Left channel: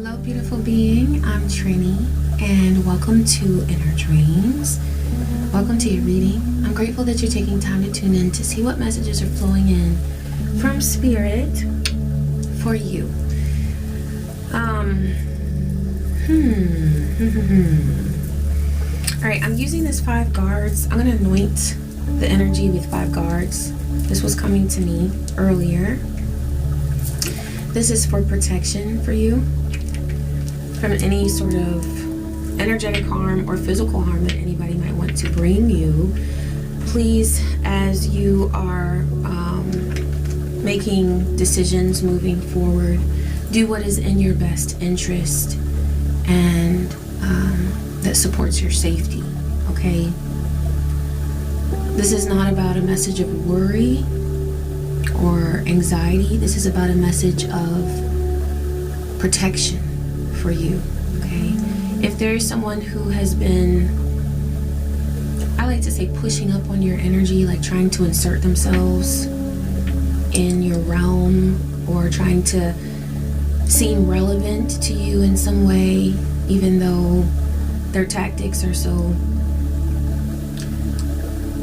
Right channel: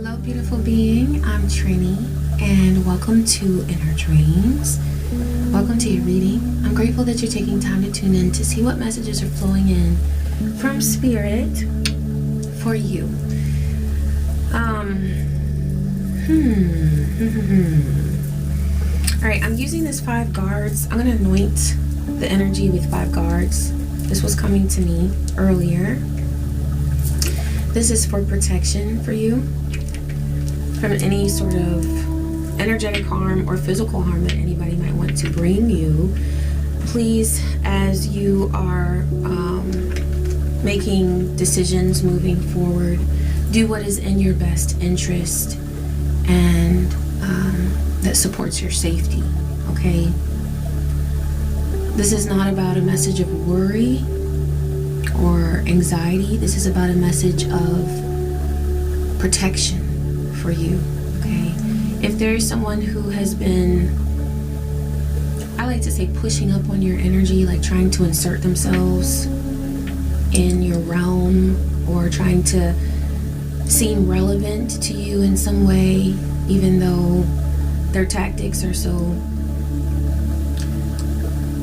Hello, beautiful being. I'm Trini, and welcome to Inner Dreams. Welcome to your reading. I'm grateful that you're taking time to tune in to see what messages are flowing in from Spirit for you. Alright, I'm using this 5 guards. I'm going to anoint the energy with 5 guards. This was coming to me earlier. This is for protection for you from any sort of energetic harm or physical harm that anybody might want to bring you. Please, as you are making decisions moving forward, do what is in your best interest and that supports your safety, okay? This is not about a message of worry or anxiety. This is about a message of protection for you, okay? If there is someone who has been, I like to say, pushing up on your energy, like trying to insert themselves in your realm or trying to seem relevant to you in some way, even though their tactics are so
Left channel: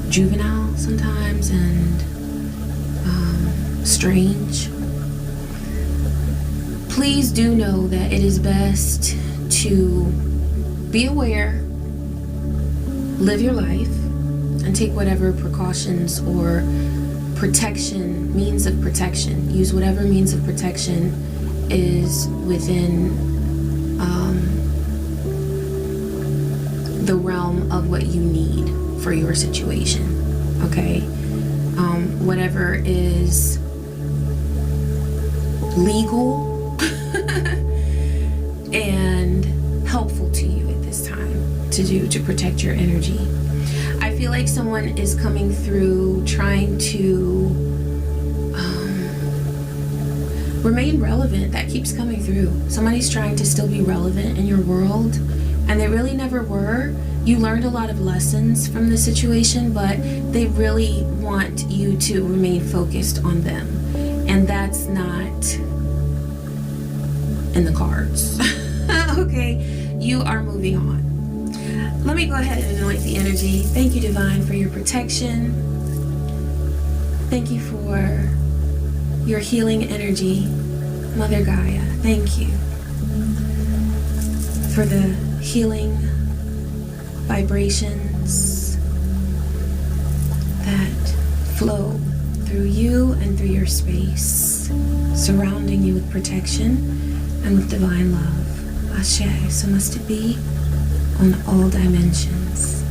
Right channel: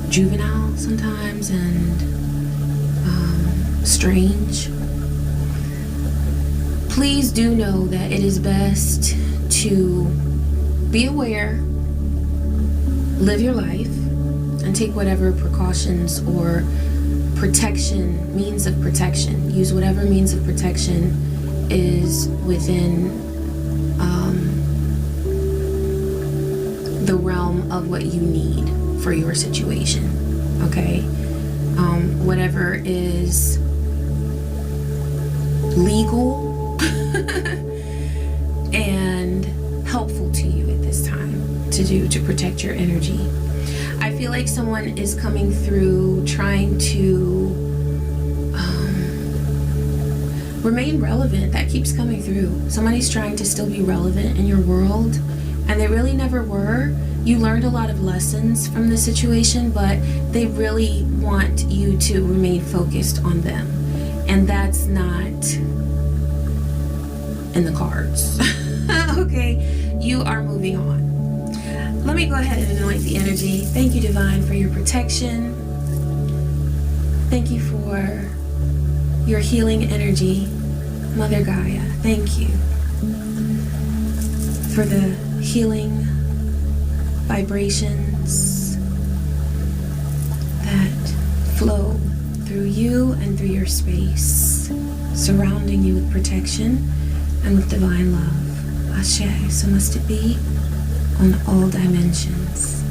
juvenile sometimes and strange, please do know that it is best to be aware, live your life, and take whatever precautions or means of protection. Use whatever means of protection is within the realm of what you need for your situation, okay? Whatever is legal and helpful to you at this time to protect your energy. I feel like someone is coming through trying to remain relevant. That keeps coming through. Somebody's trying to still be relevant in your world, and they really never were. You learned a lot of lessons from the situation, but they really want you to remain focused on them. And that's not in the cards. Okay, you are moving on. Let me go ahead and anoint the energy. Thank you, Divine, for your protection. Thank you for your healing energy. Mother Gaia, thank you for the healing vibrations that flow through you and through your space, surrounding you with protection and with divine love. Ashe, so must it be on all dimensions.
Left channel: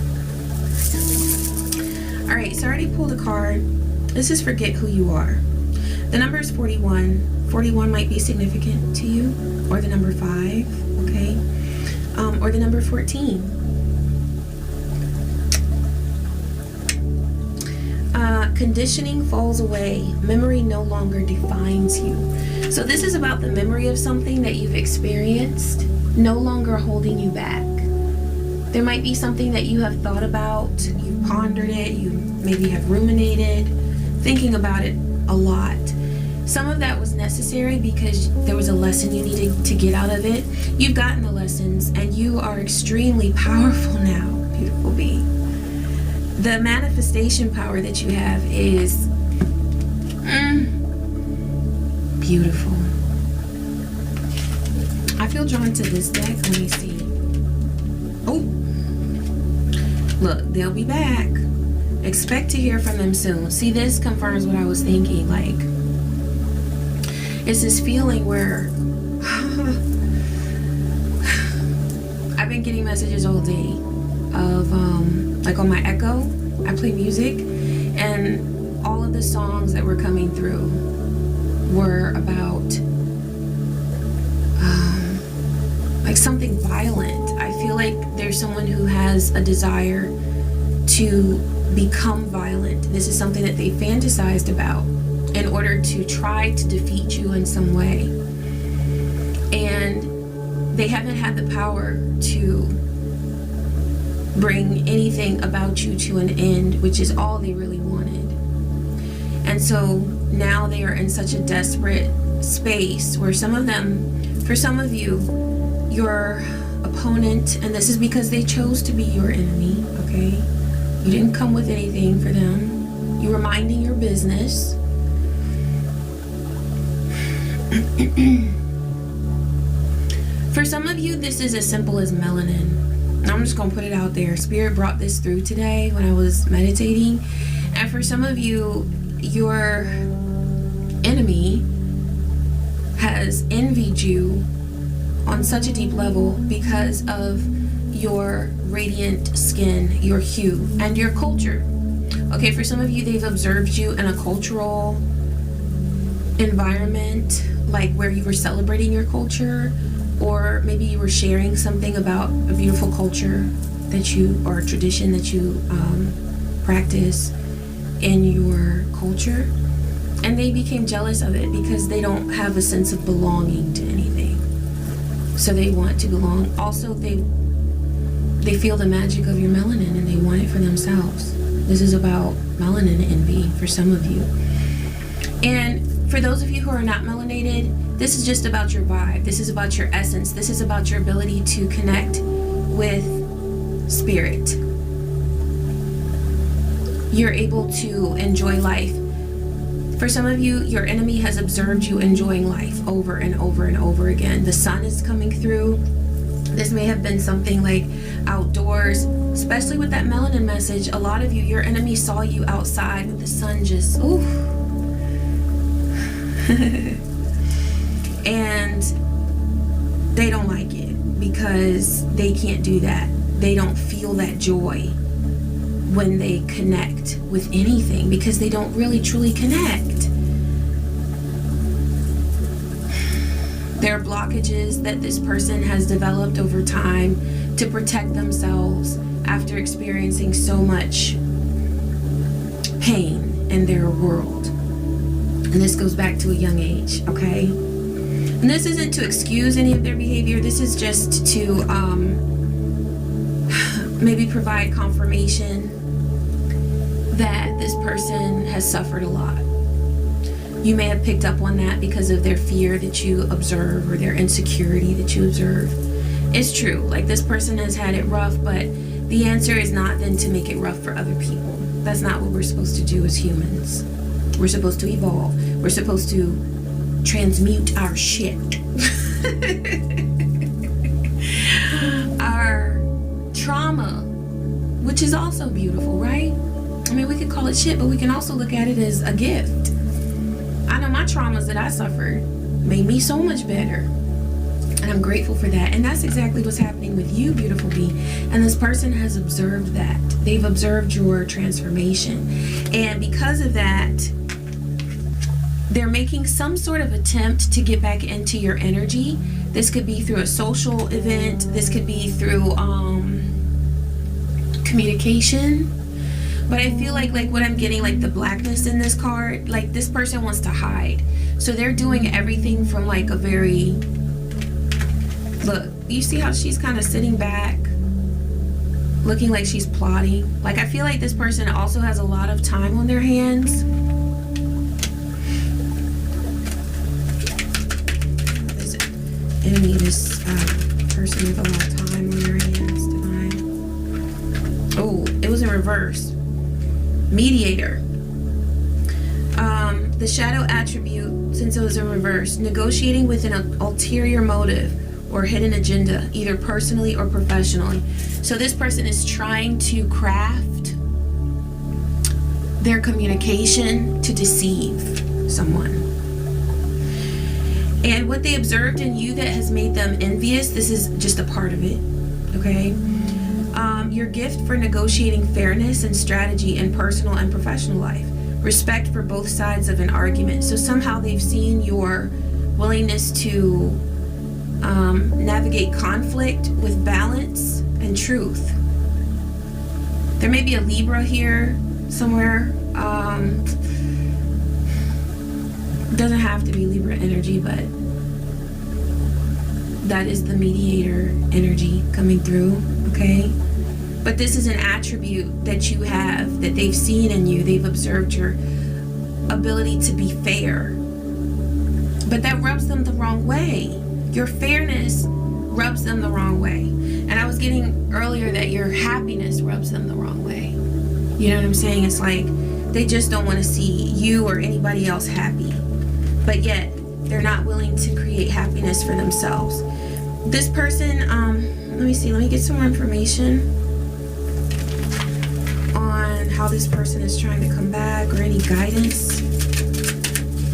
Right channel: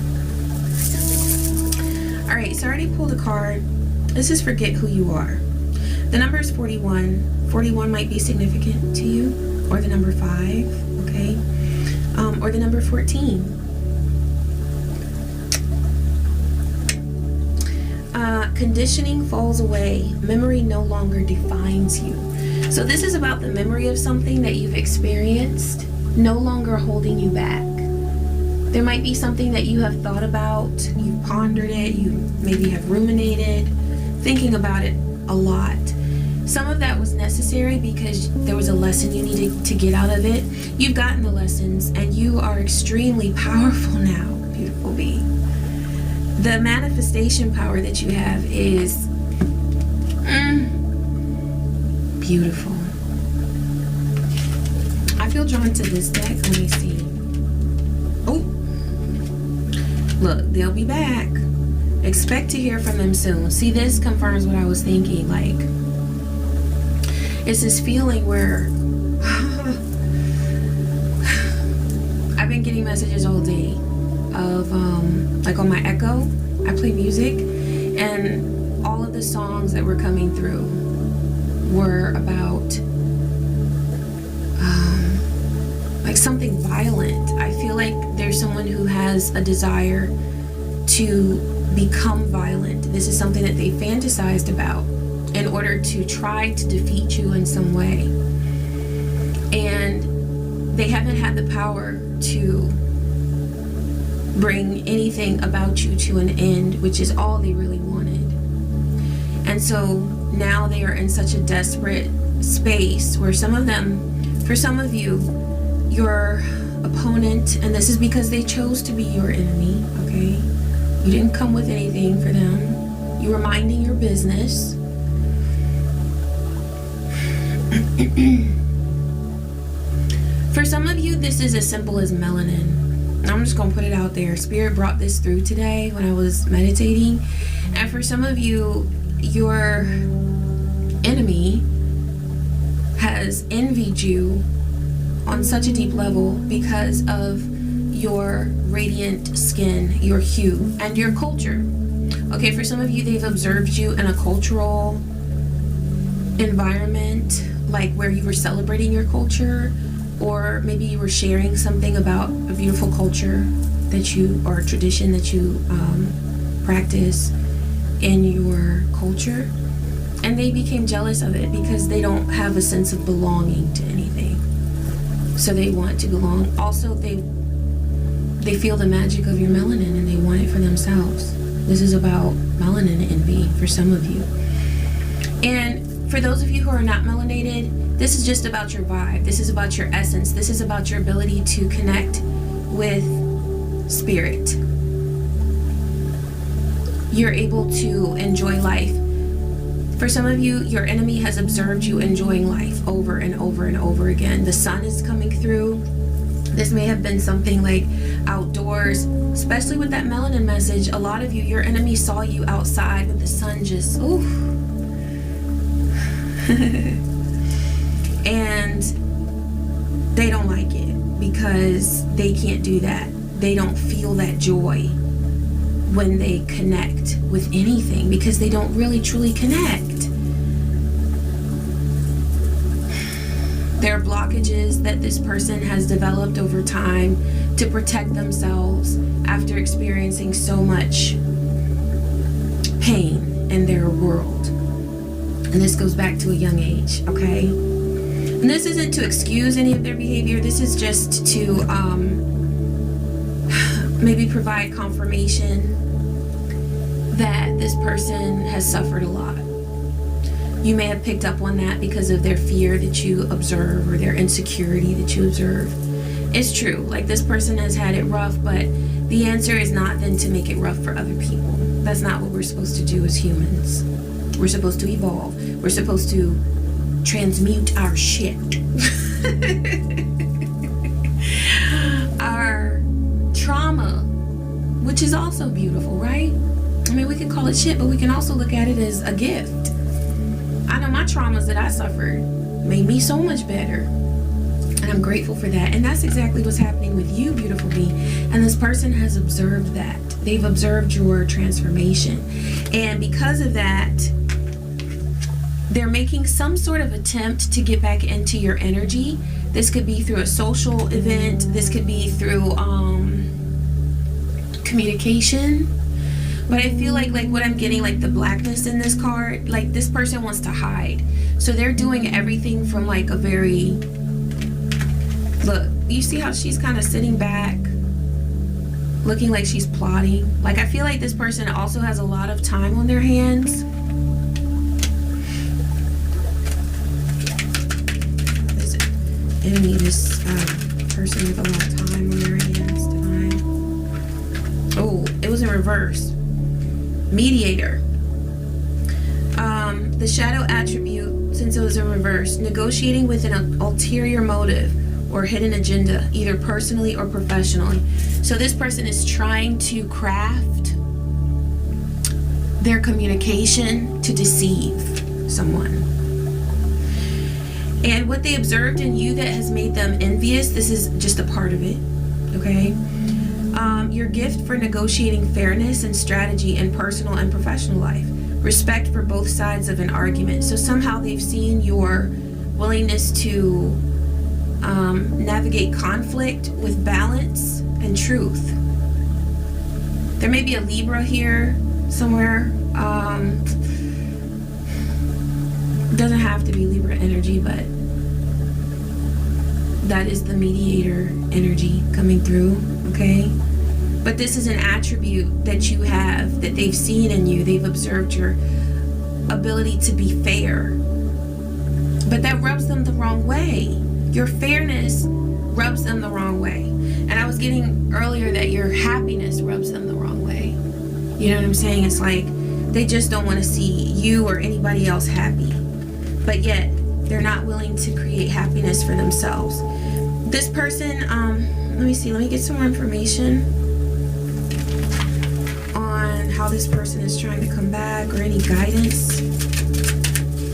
Alright, so I already pulled a card. This is Forget Who You Are. The number is 41. 41 might be significant to you, or the number 5, okay? Or the number 14. Conditioning falls away. Memory no longer defines you. So this is about the memory of something that you've experienced no longer holding you back. There might be something that you have thought about, you've pondered it, you maybe have ruminated, thinking about it a lot. Some of that was necessary because there was a lesson you needed to get out of it. You've gotten the lessons and you are extremely powerful now, beautiful being. The manifestation power that you have is beautiful. I feel drawn to this deck. Let me see. Oh, look, they'll be back. Expect to hear from them soon. See, this confirms what I was thinking. Like, it's this feeling where I've been getting messages all day of like on my Echo, I play music, and all of the songs that were coming through were about like something violent. I feel like there's someone who has a desire to become violent. This is something that they fantasized about in order to try to defeat you in some way, and they haven't had the power to bring anything about you to an end, which is all they really wanted. And so now they are in such a desperate space where some of them For some of you, your opponent, and this is because they chose to be your enemy, okay? You didn't come with anything for them. You were minding your business. For some of you, this is as simple as melanin. I'm just going to put it out there. Spirit brought this through today when I was meditating. And for some of you, your enemy has envied you on such a deep level because of your radiant skin, your hue, and your culture. Okay, for some of you, they've observed you in a cultural environment, like where you were celebrating your culture, or maybe you were sharing something about a beautiful culture that you, or a tradition that you practice in your culture, and they became jealous of it because they don't have a sense of belonging to anything. So they want to belong. Also, they feel the magic of your melanin and they want it for themselves. This is about melanin envy for some of you. And for those of you who are not melanated, this is just about your vibe. This is about your essence. This is about your ability to connect with spirit. You're able to enjoy life. For some of you, your enemy has observed you enjoying life over and over and over again. The sun is coming through. This may have been something like outdoors, especially with that melanin message. A lot of you, your enemy saw you outside with the sun just, oof. And they don't like it because they can't do that. They don't feel that joy when they connect with anything because they don't really truly connect. There are blockages that this person has developed over time to protect themselves after experiencing so much pain in their world. And this goes back to a young age, okay? And this isn't to excuse any of their behavior. This is just to maybe provide confirmation that this person has suffered a lot. You may have picked up on that because of their fear that you observe or their insecurity that you observe. It's true, like this person has had it rough, but the answer is not then to make it rough for other people. That's not what we're supposed to do as humans. We're supposed to evolve. We're supposed to transmute our shit. Our trauma, which is also beautiful, right? I mean, we could call it shit, but we can also look at it as a gift. I know my traumas that I suffered made me so much better. And I'm grateful for that. And that's exactly what's happening with you, beautiful bee. And this person has observed that. They've observed your transformation. And because of that, they're making some sort of attempt to get back into your energy. This could be through a social event. This could be through communication. But I feel like what I'm getting, like the blackness in this card, like this person wants to hide. So they're doing everything from like a very, look, you see how she's kind of sitting back, looking like she's plotting. Like I feel like this person also has a lot of time on their hands. What is it? Enemy, this person with a lot of time on their hands, divine. Oh, it was in reverse. Mediator. The shadow attribute, since it was in reverse, negotiating with an ulterior motive or hidden agenda, either personally or professionally. So this person is trying to craft their communication to deceive someone. And what they observed in you that has made them envious, this is just a part of it, okay? Your gift for negotiating fairness and strategy in personal and professional life. Respect for both sides of an argument. So somehow they've seen your willingness to navigate conflict with balance and truth. There may be a Libra here somewhere. Doesn't have to be Libra energy, but that is the mediator energy coming through, okay? But this is an attribute that you have, that they've seen in you. They've observed your ability to be fair. But that rubs them the wrong way. Your fairness rubs them the wrong way. And I was getting earlier that your happiness rubs them the wrong way. You know what I'm saying? It's like they just don't want to see you or anybody else happy. But yet, they're not willing to create happiness for themselves. This person, let me get some more information on how this person is trying to come back, or any guidance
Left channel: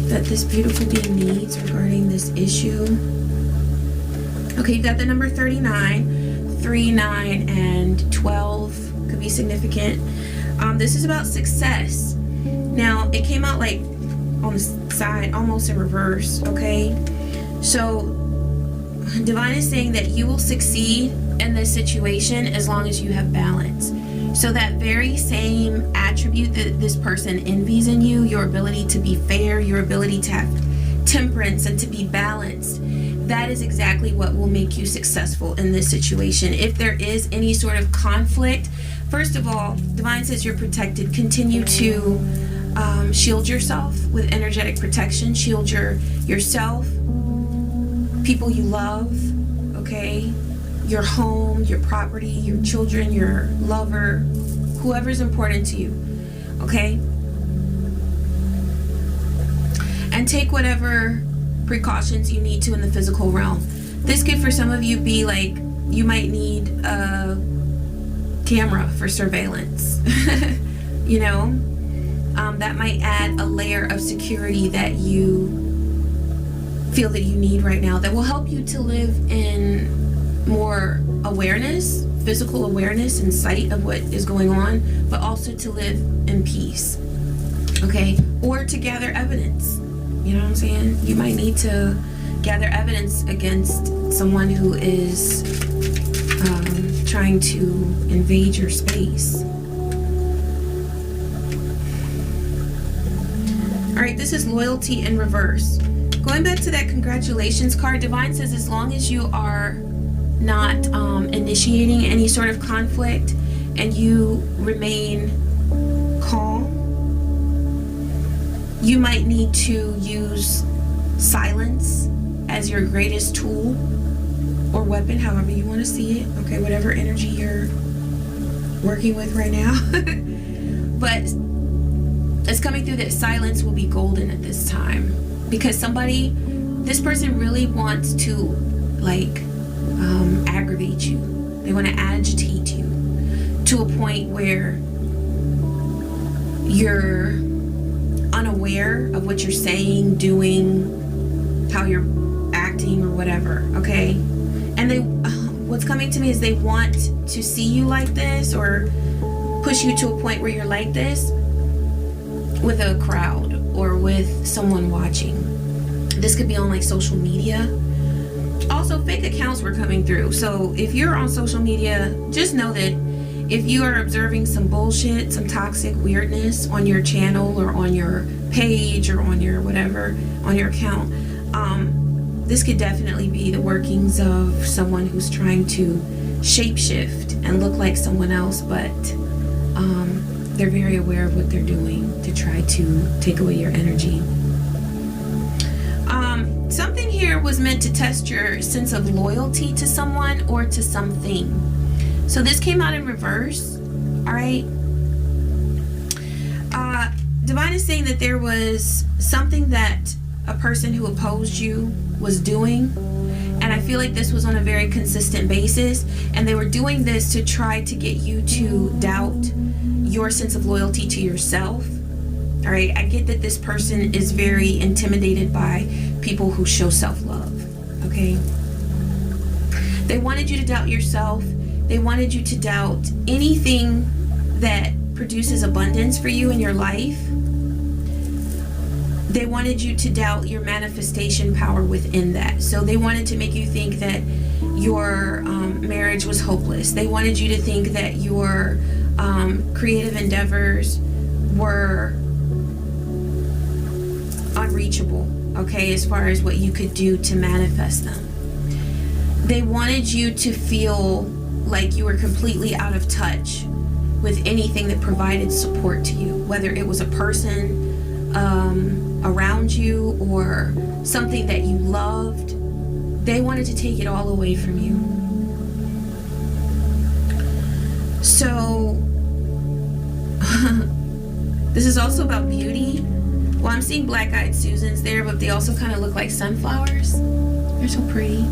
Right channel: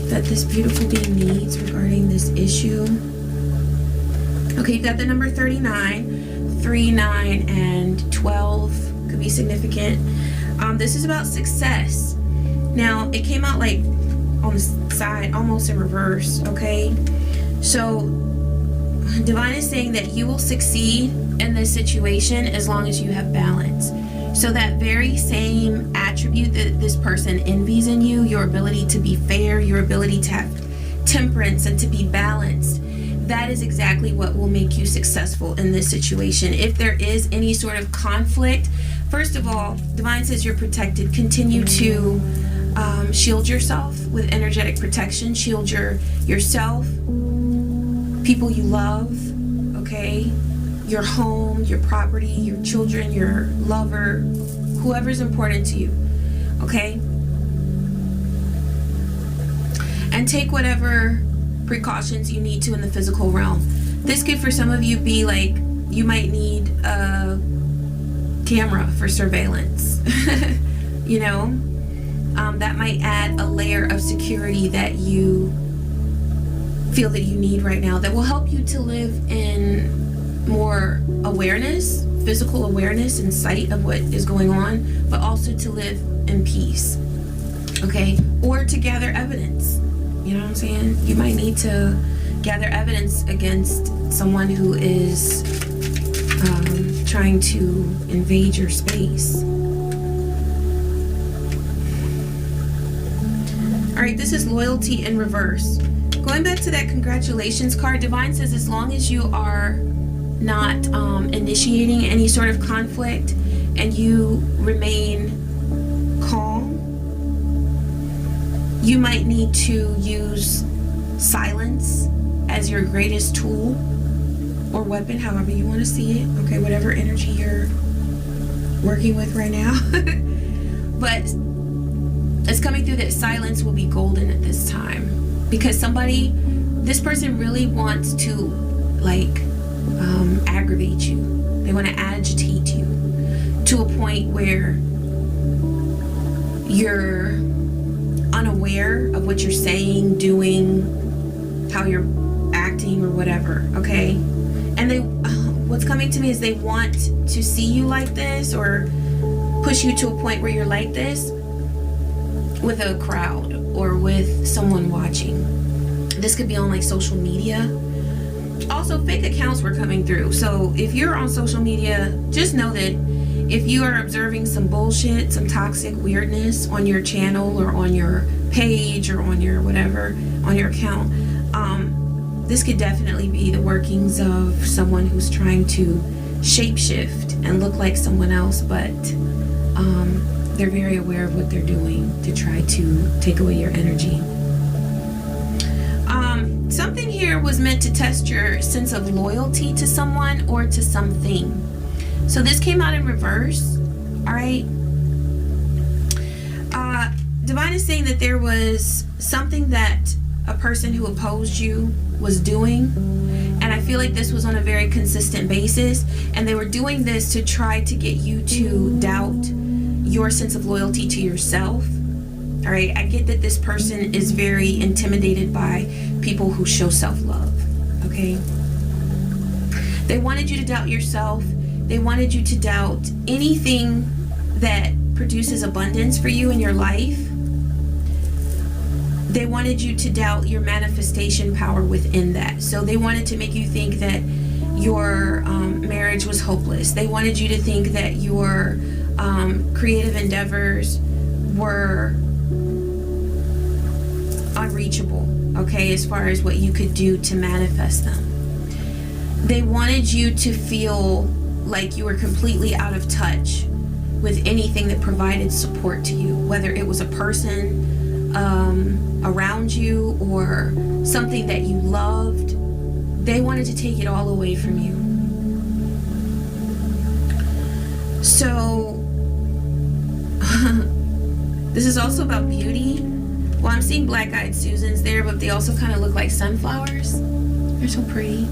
that this beautiful being needs regarding this issue. Okay, you've got the number 39, 3, 9, and 12 could be significant. This is about success. Now, it came out like on the side, almost in reverse, okay? So, Divine is saying that you will succeed in this situation as long as you have balance. So that very same attribute that this person envies in you, your ability to be fair, your ability to have temperance and to be balanced, that is exactly what will make you successful in this situation. If there is any sort of conflict, first of all, Divine says you're protected. Continue to shield yourself with energetic protection. Shield yourself, people you love, okay? Your home, your property, your children, your lover, whoever's important to you, okay? And take whatever precautions you need to in the physical realm. This could, for some of you, be like you might need a camera for surveillance. You know, that might add a layer of security that you feel that you need right now, that will help you to live in more awareness, physical awareness and sight of what is going on, but also to live in peace, okay? Or to gather evidence. You know what I'm saying? You might need to gather evidence against someone who is trying to invade your space. All right, this is loyalty in reverse. Going back to that congratulations card, Divine says as long as you are not initiating any sort of conflict and you remain calm, you might need to use silence as your greatest tool or weapon, however you want to see it, okay, whatever energy you're working with right now. But it's coming through that silence will be golden at this time, because this person really wants to like aggravate you. They want to agitate you to a point where you're unaware of what you're saying, doing, how you're acting, or whatever, okay? And they what's coming to me is they want to see you like this, or push you to a point where you're like this with a crowd or with someone watching. This could be on like social media. Also, fake accounts were coming through. So if you're on social media, just know that if you are observing some bullshit, some toxic weirdness on your channel or on your page or on your whatever, on your account, this could definitely be the workings of someone who's trying to shapeshift and look like someone else, but they're very aware of what they're doing to try to take away your energy. Something here was meant to test your sense of loyalty to someone or to something. So this came out in reverse, all right? Divine is saying that there was something that a person who opposed you was doing, and I feel like this was on a very consistent basis, and they were doing this to try to get you to doubt your sense of loyalty to yourself. All right, I get that this person is very intimidated by people who show self-love, okay? They wanted you to doubt yourself. They wanted you to doubt anything that produces abundance for you in your life. They wanted you to doubt your manifestation power within that. So they wanted to make you think that your marriage was hopeless. They wanted you to think that your creative endeavors were unreachable, okay, as far as what you could do to manifest them. They wanted you to feel like you were completely out of touch with anything that provided support to you, whether it was a person around you or something that you loved, they wanted to take it all away from you. So this is also about beauty. Well, I'm seeing black-eyed Susans there, but they also kind of look like sunflowers. They're so pretty.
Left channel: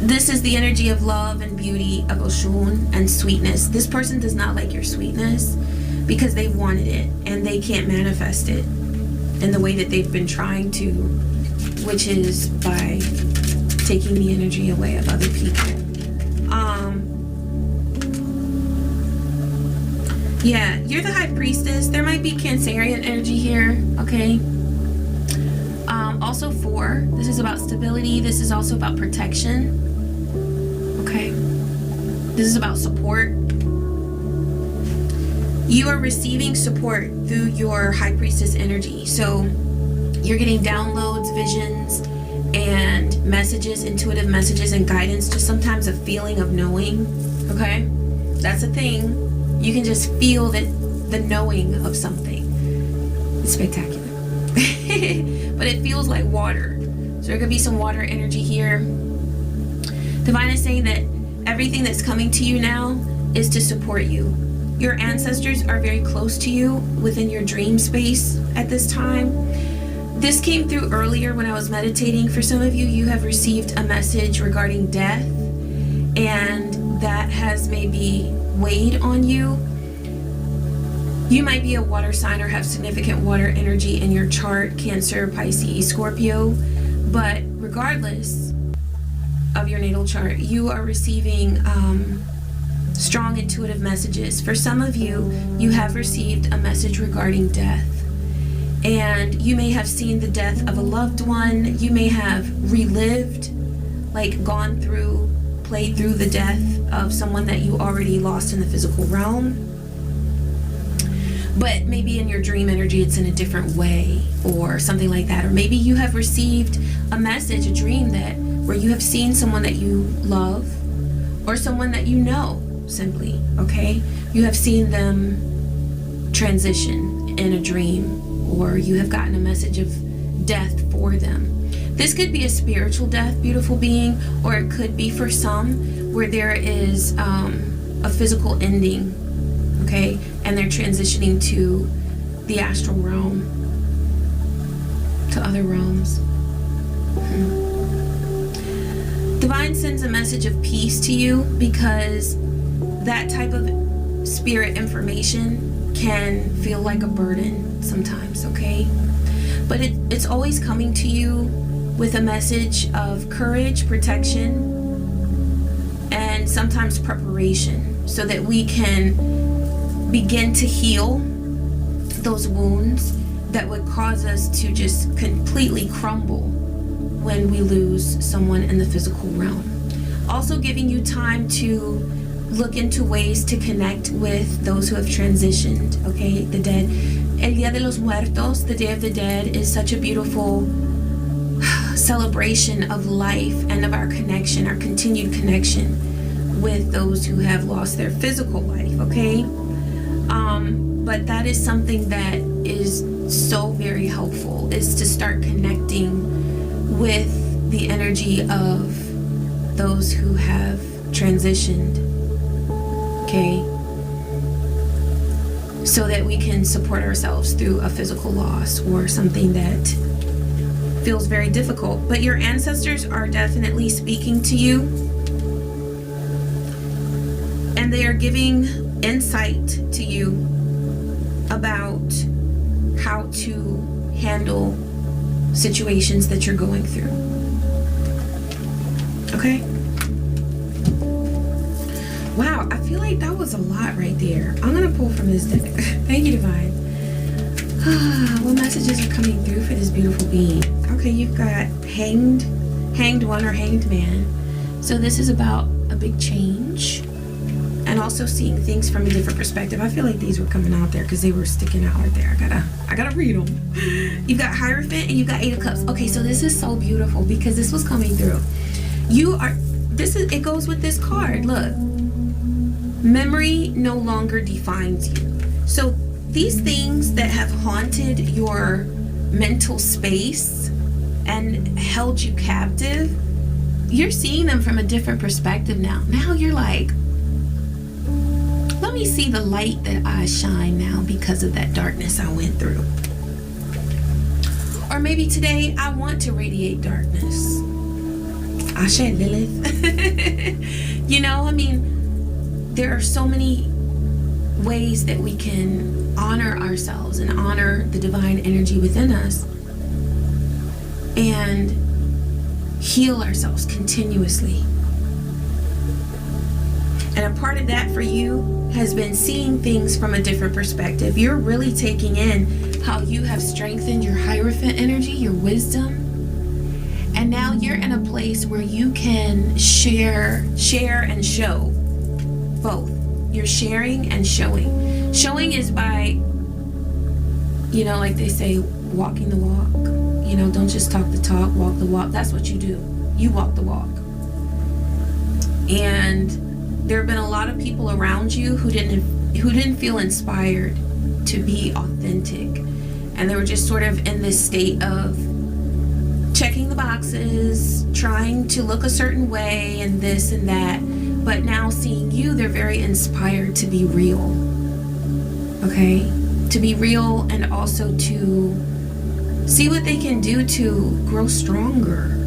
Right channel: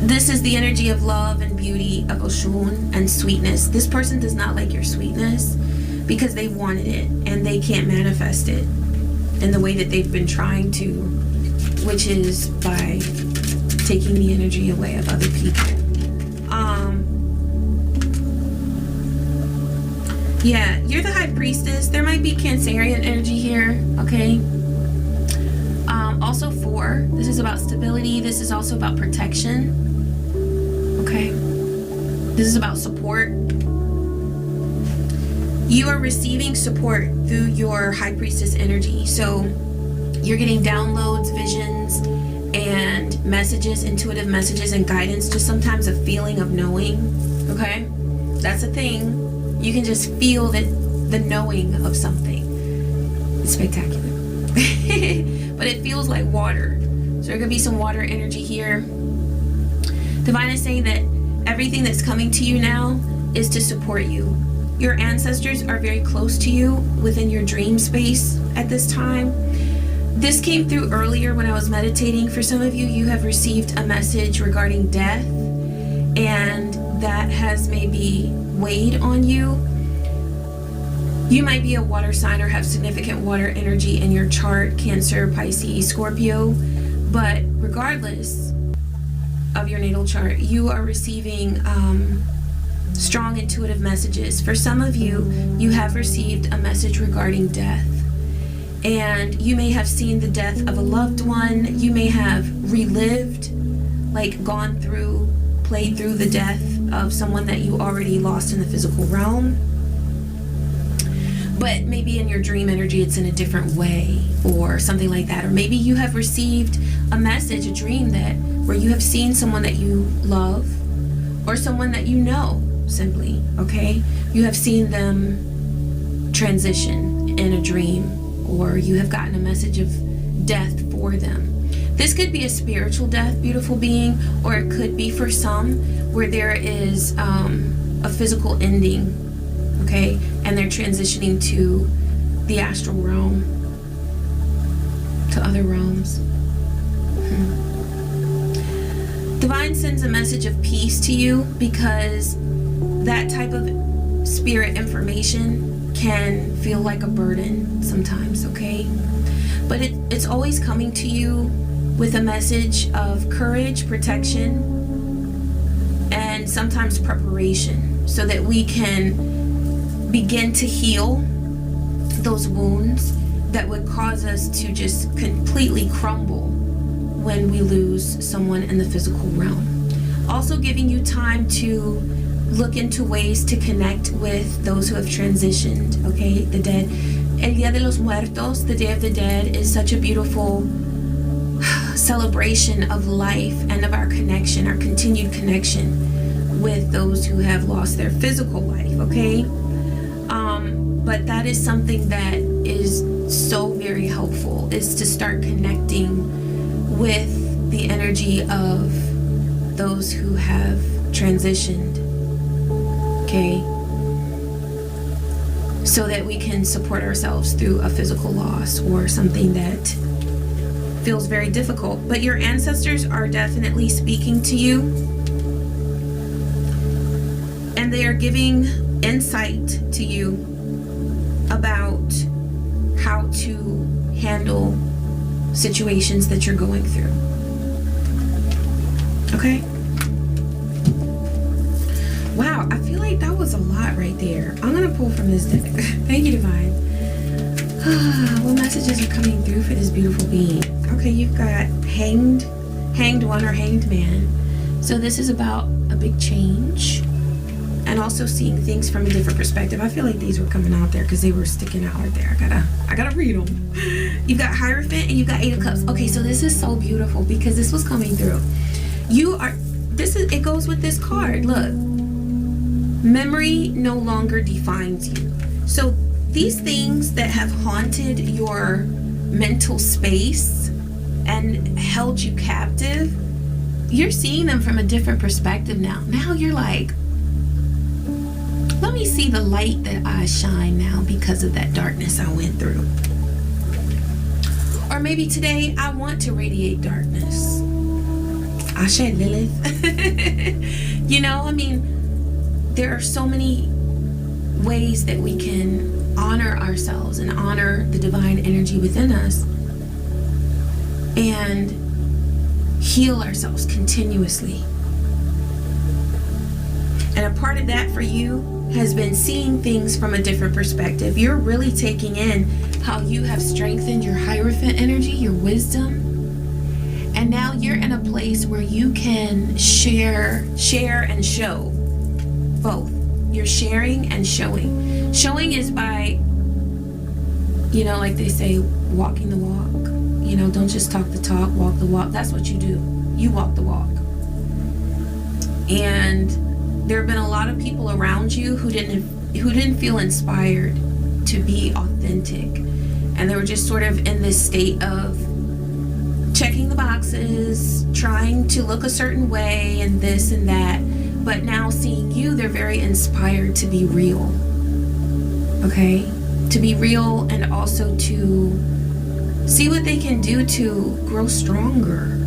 This is the energy of love and beauty, of Oshun and sweetness. This person does not like your sweetness because they wanted it and they can't manifest it in the way that they've been trying to, which is by taking the energy away of other people. Yeah, you're the high priestess. There might be Cancerian energy here, okay? Also 4, this is about stability. This is also about protection, okay? This is about support. You are receiving support through your high priestess energy. So you're getting downloads, visions, and messages, intuitive messages and guidance, just sometimes a feeling of knowing, okay? That's a thing. You can just feel the knowing of something. It's spectacular. But it feels like water. So there could be some water energy here. Divine is saying that everything that's coming to you now is to support you. Your ancestors are very close to you within your dream space at this time. This came through earlier when I was meditating. For some of you, you have received a message regarding death, and that has maybe weighed on you. You might be a water sign or have significant water energy in your chart, Cancer, Pisces, Scorpio, but regardless of your natal chart, you are receiving strong intuitive messages. For some of you, you have received a message regarding death, and you may have seen the death of a loved one. You may have relived, like gone through, played through the death of someone that you already lost in the physical realm. But maybe in your dream energy, it's in a different way or something like that. Or maybe you have received a message, a dream where you have seen someone that you love or someone that you know, simply, okay? You have seen them transition in a dream, or you have gotten a message of death for them. This could be a spiritual death, beautiful being, or it could be for some where there is a physical ending, okay? And they're transitioning to the astral realm, to other realms. Divine sends a message of peace to you because that type of spirit information can feel like a burden sometimes, okay? But it's always coming to you with a message of courage, protection, and sometimes preparation, so that we can begin to heal those wounds that would cause us to just completely crumble when we lose someone in the physical realm. Also giving you time to look into ways to connect with those who have transitioned, okay? The dead. El Día de los Muertos, the Day of the Dead, is such a beautiful celebration of life and of our connection, our continued connection with those who have lost their physical life, okay? But that is something that is so very helpful, is to start connecting with the energy of those who have transitioned, okay? So that we can support ourselves through a physical loss or something that feels very difficult. But your ancestors are definitely speaking to you, and they are giving insight to you about how to handle situations that you're going through. Okay? Wow, I feel like that was a lot right there. I'm gonna pull from this deck. Thank you, Divine. What messages are coming through for this beautiful being? Okay, you've got hanged one or hanged man. So this is about a big change and also seeing things from a different perspective. I feel like these were coming out there because they were sticking out right there. I gotta read them. You've got Hierophant and you've got Eight of Cups. Okay, so this is so beautiful because this was coming through. It goes with this card. Look, memory no longer defines you. So these things that have haunted your mental space and held you captive, you're seeing them from a different perspective now. Now you're like, let me see the light that I shine now because of that darkness I went through. Or maybe today I want to radiate darkness. Asé, Lilith. You know, I mean, there are so many ways that we can honor ourselves and honor the divine energy within us and heal ourselves continuously. And a part of that for you has been seeing things from a different perspective. You're really taking in how you have strengthened your Hierophant energy, your wisdom. And now you're in a place where you can share and show both. You're sharing and showing. Showing is by, you know, like they say, walking the walk. You know, don't just talk the talk, walk the walk. That's what you do. You walk the walk. And there have been a lot of people around you who didn't feel inspired to be authentic. And they were just sort of in this state of checking the boxes, trying to look a certain way and this and that. But now seeing you, they're very inspired to be real. Okay? To be real and also to see what they can do to grow stronger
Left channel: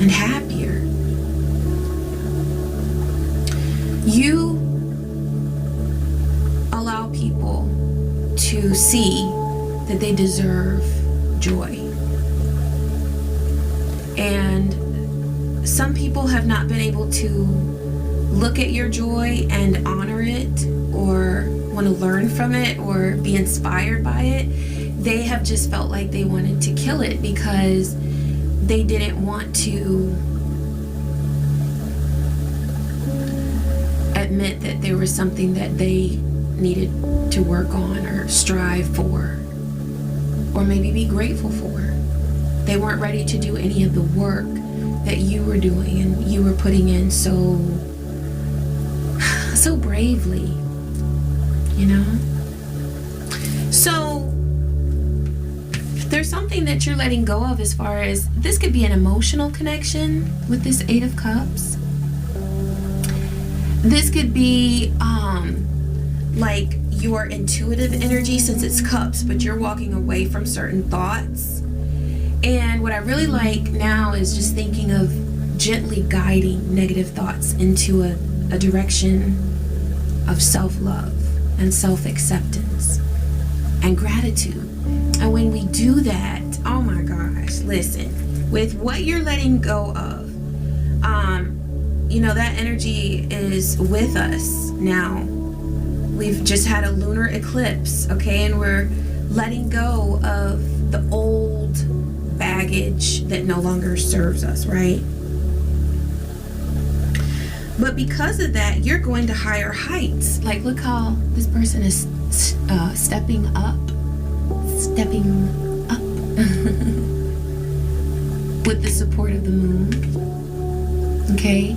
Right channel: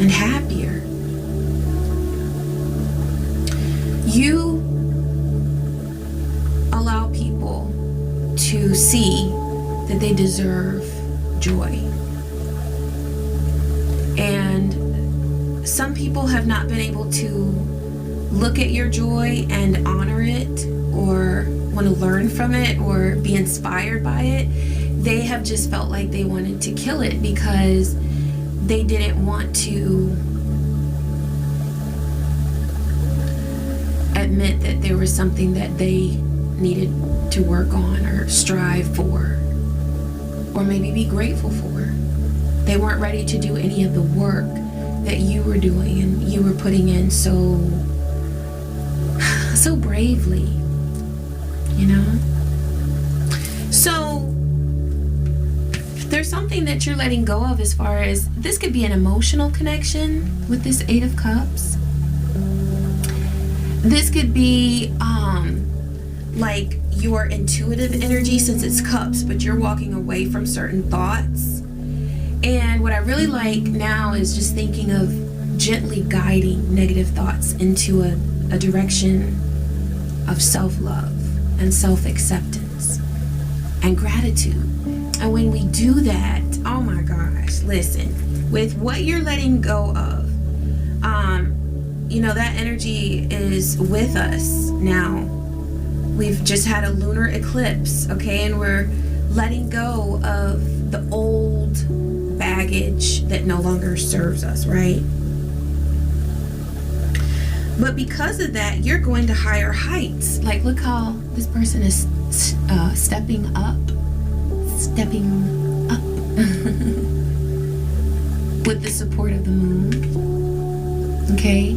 and happier. You allow people to see that they deserve joy. And some people have not been able to look at your joy and honor it or want to learn from it or be inspired by it. They have just felt like they wanted to kill it because they didn't want to admit that there was something that they needed to work on or strive for or maybe be grateful for. They weren't ready to do any of the work that you were doing and you were putting in so bravely, you know? So there's something that you're letting go of as far as this could be an emotional connection with this Eight of Cups. This could be like your intuitive energy since it's cups, but you're walking away from certain thoughts. And what I really like now is just thinking of gently guiding negative thoughts into a direction of self-love and self-acceptance and gratitude. And when we do that, oh my gosh, listen, with what you're letting go of, you know, that energy is with us now. We've just had a lunar eclipse, okay? And we're letting go of the old baggage that no longer serves us, right? But because of that, you're going to higher heights. Like, look how this person is stepping up with the support of the moon, okay?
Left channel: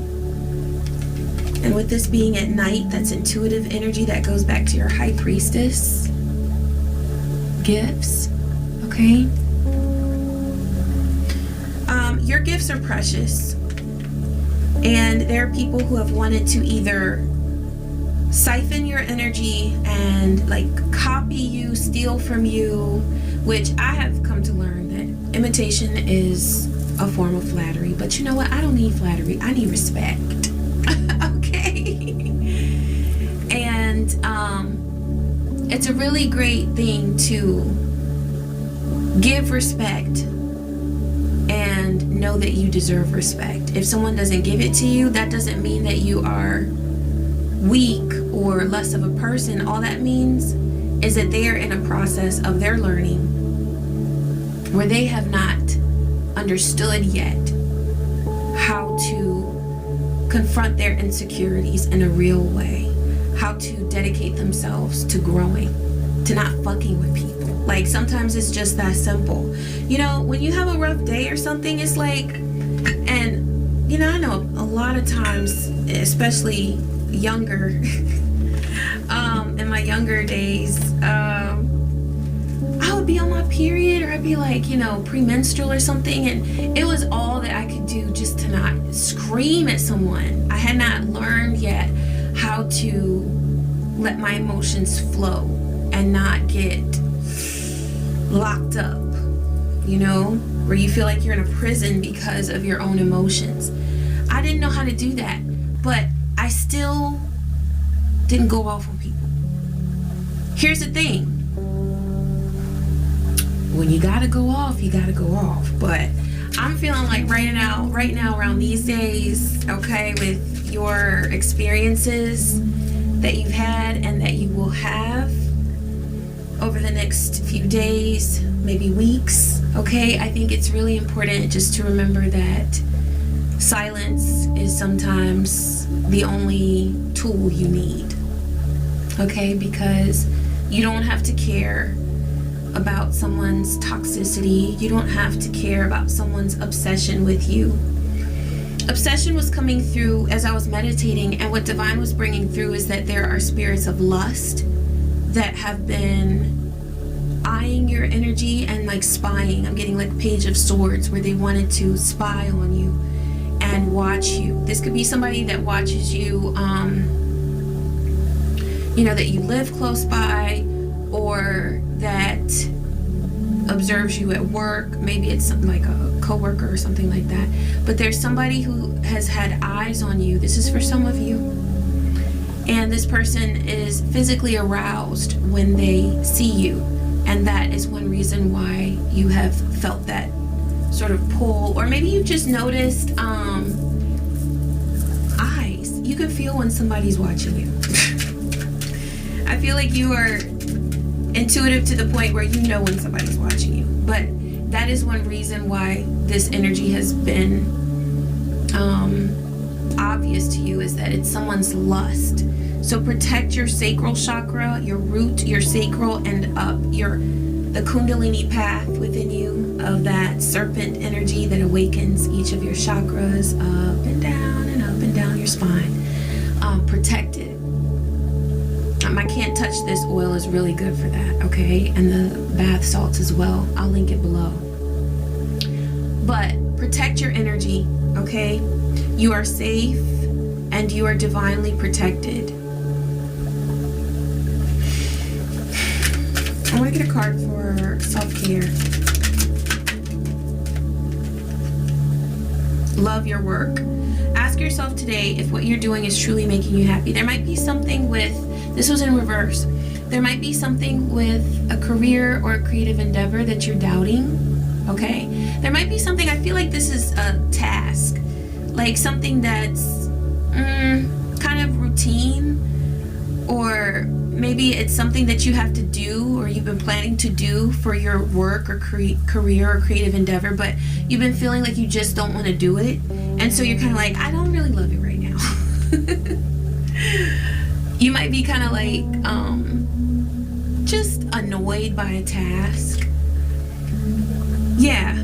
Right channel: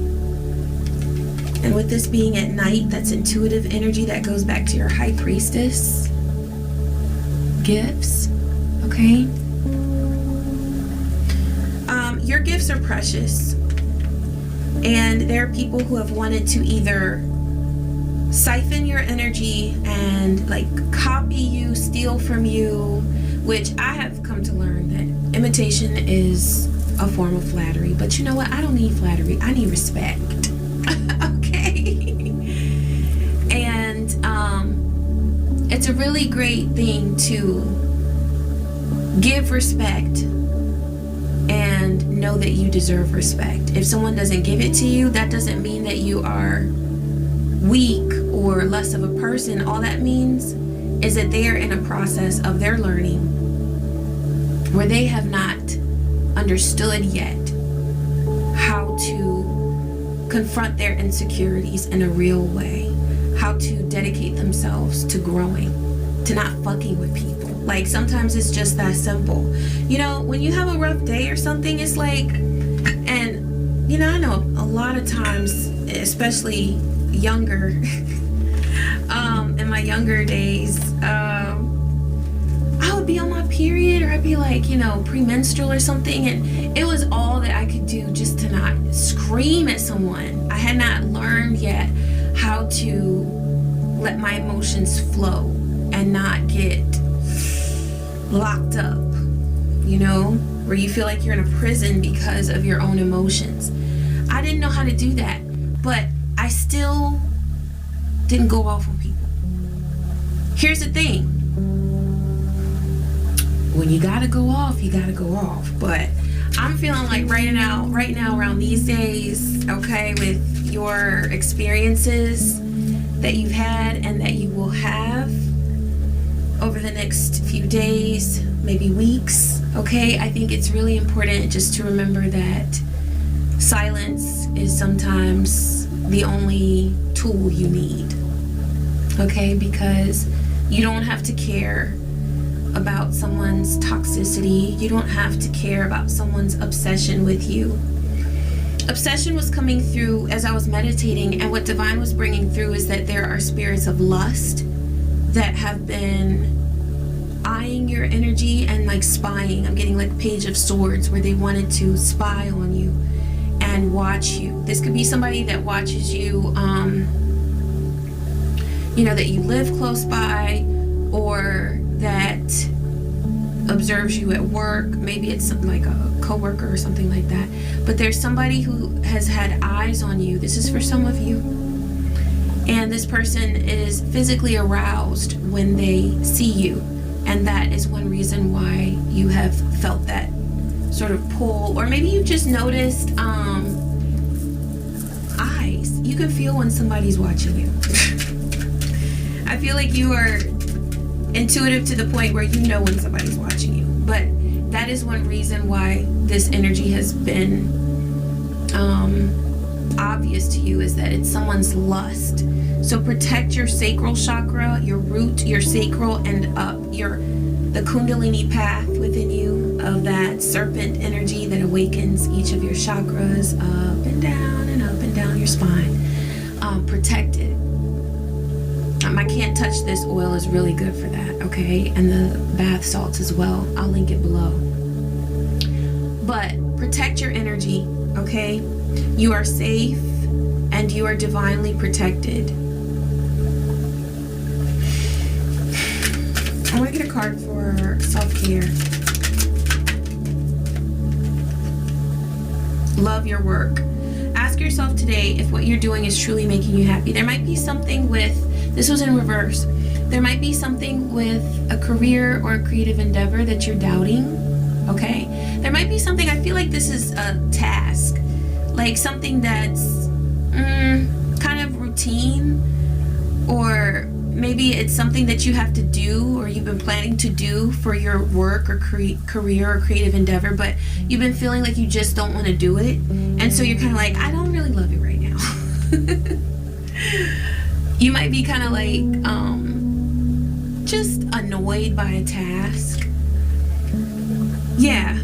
And with this being at night, that's intuitive energy that goes back to your High Priestess gifts, okay? Your gifts are precious. And there are people who have wanted to either siphon your energy and like copy you, steal from you, which I have come to learn that imitation is a form of flattery. But you know what? I don't need flattery. I need respect. Okay? And it's a really great thing to give respect and know that you deserve respect. If someone doesn't give it to you, that doesn't mean that you are weak or less of a person. All that means is that they are in a process of their learning where they have not understood yet how to confront their insecurities in a real way, how to dedicate themselves to growing, to not fucking with people. Like, sometimes it's just that simple. You know, when you have a rough day or something, it's like, and, you know, I know a lot of times, especially younger, in my younger days, I I would be on my period, or I'd be like, you know, premenstrual or something, and it was all that I could do just to not scream at someone. I had not learned yet how to let my emotions flow and not get locked up, you know, where you feel like you're in a prison because of your own emotions. I didn't know how to do that, but I still didn't go off on people. Here's the thing. When you gotta go off, you gotta go off. But I'm feeling like right now around these days, okay, with your experiences that you've had and that you will have over the next few days, maybe weeks, okay, I think it's really important just to remember that silence is sometimes the only tool you need, okay, because you don't have to care about someone's toxicity. You don't have to care about someone's obsession with you. Obsession was coming through as I was meditating, and what Divine was bringing through is that there are spirits of lust that have been eyeing your energy and like spying. I'm getting like Page of Swords, where they wanted to spy on you and watch you. This could be somebody that watches you, you know, that you live close by, or that observes you at work. Maybe it's something like a coworker or something like that. But there's somebody who has had eyes on you. This is for some of you. And this person is physically aroused when they see you. And that is one reason why you have felt that sort of pull. Or maybe you've just noticed eyes. You can feel when somebody's watching you. I feel like you are intuitive to the point where you know when somebody's watching you. But that is one reason why this energy has been obvious to you, is that it's someone's lust. So protect your sacral chakra, your root, your sacral, and up the Kundalini path within you of that serpent energy that awakens each of your chakras up and down your spine. Protect it. I can't touch this oil is really good for that, okay? And the bath salts as well. I'll link it below. But protect your energy, okay? You are safe and you are divinely protected. I want to get a card for self-care. Love your work. Ask yourself today if what you're doing is truly making you happy. There might be something with, this was in reverse, there might be something with a career or a creative endeavor that you're doubting, okay? There might be something, I feel like this is a task, like something that's kind of routine, or maybe it's something that you have to do or you've been planning to do for your work or career or creative endeavor, but you've been feeling like you just don't want to do it. And so you're kind of like, I don't really love it right now. You might be kind of like just annoyed by a task. Yeah.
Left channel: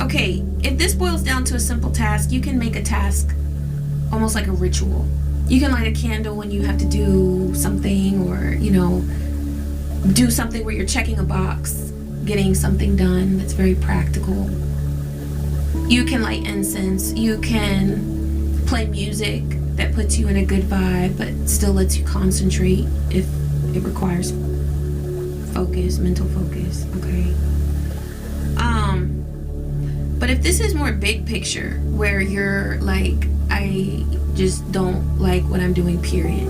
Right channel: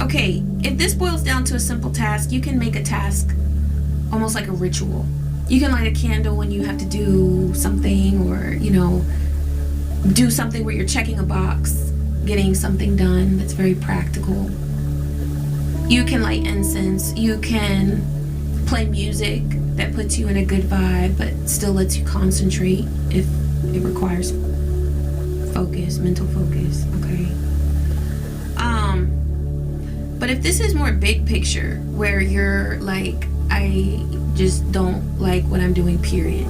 Okay, if this boils down to a simple task, you can make a task almost like a ritual. You can light a candle when you have to do something, or, you know, do something where you're checking a box, getting something done that's very practical. You can light incense. You can play music that puts you in a good vibe but still lets you concentrate if it requires focus, mental focus, okay? But if this is more big picture, where you're like, I just don't like what I'm doing, period.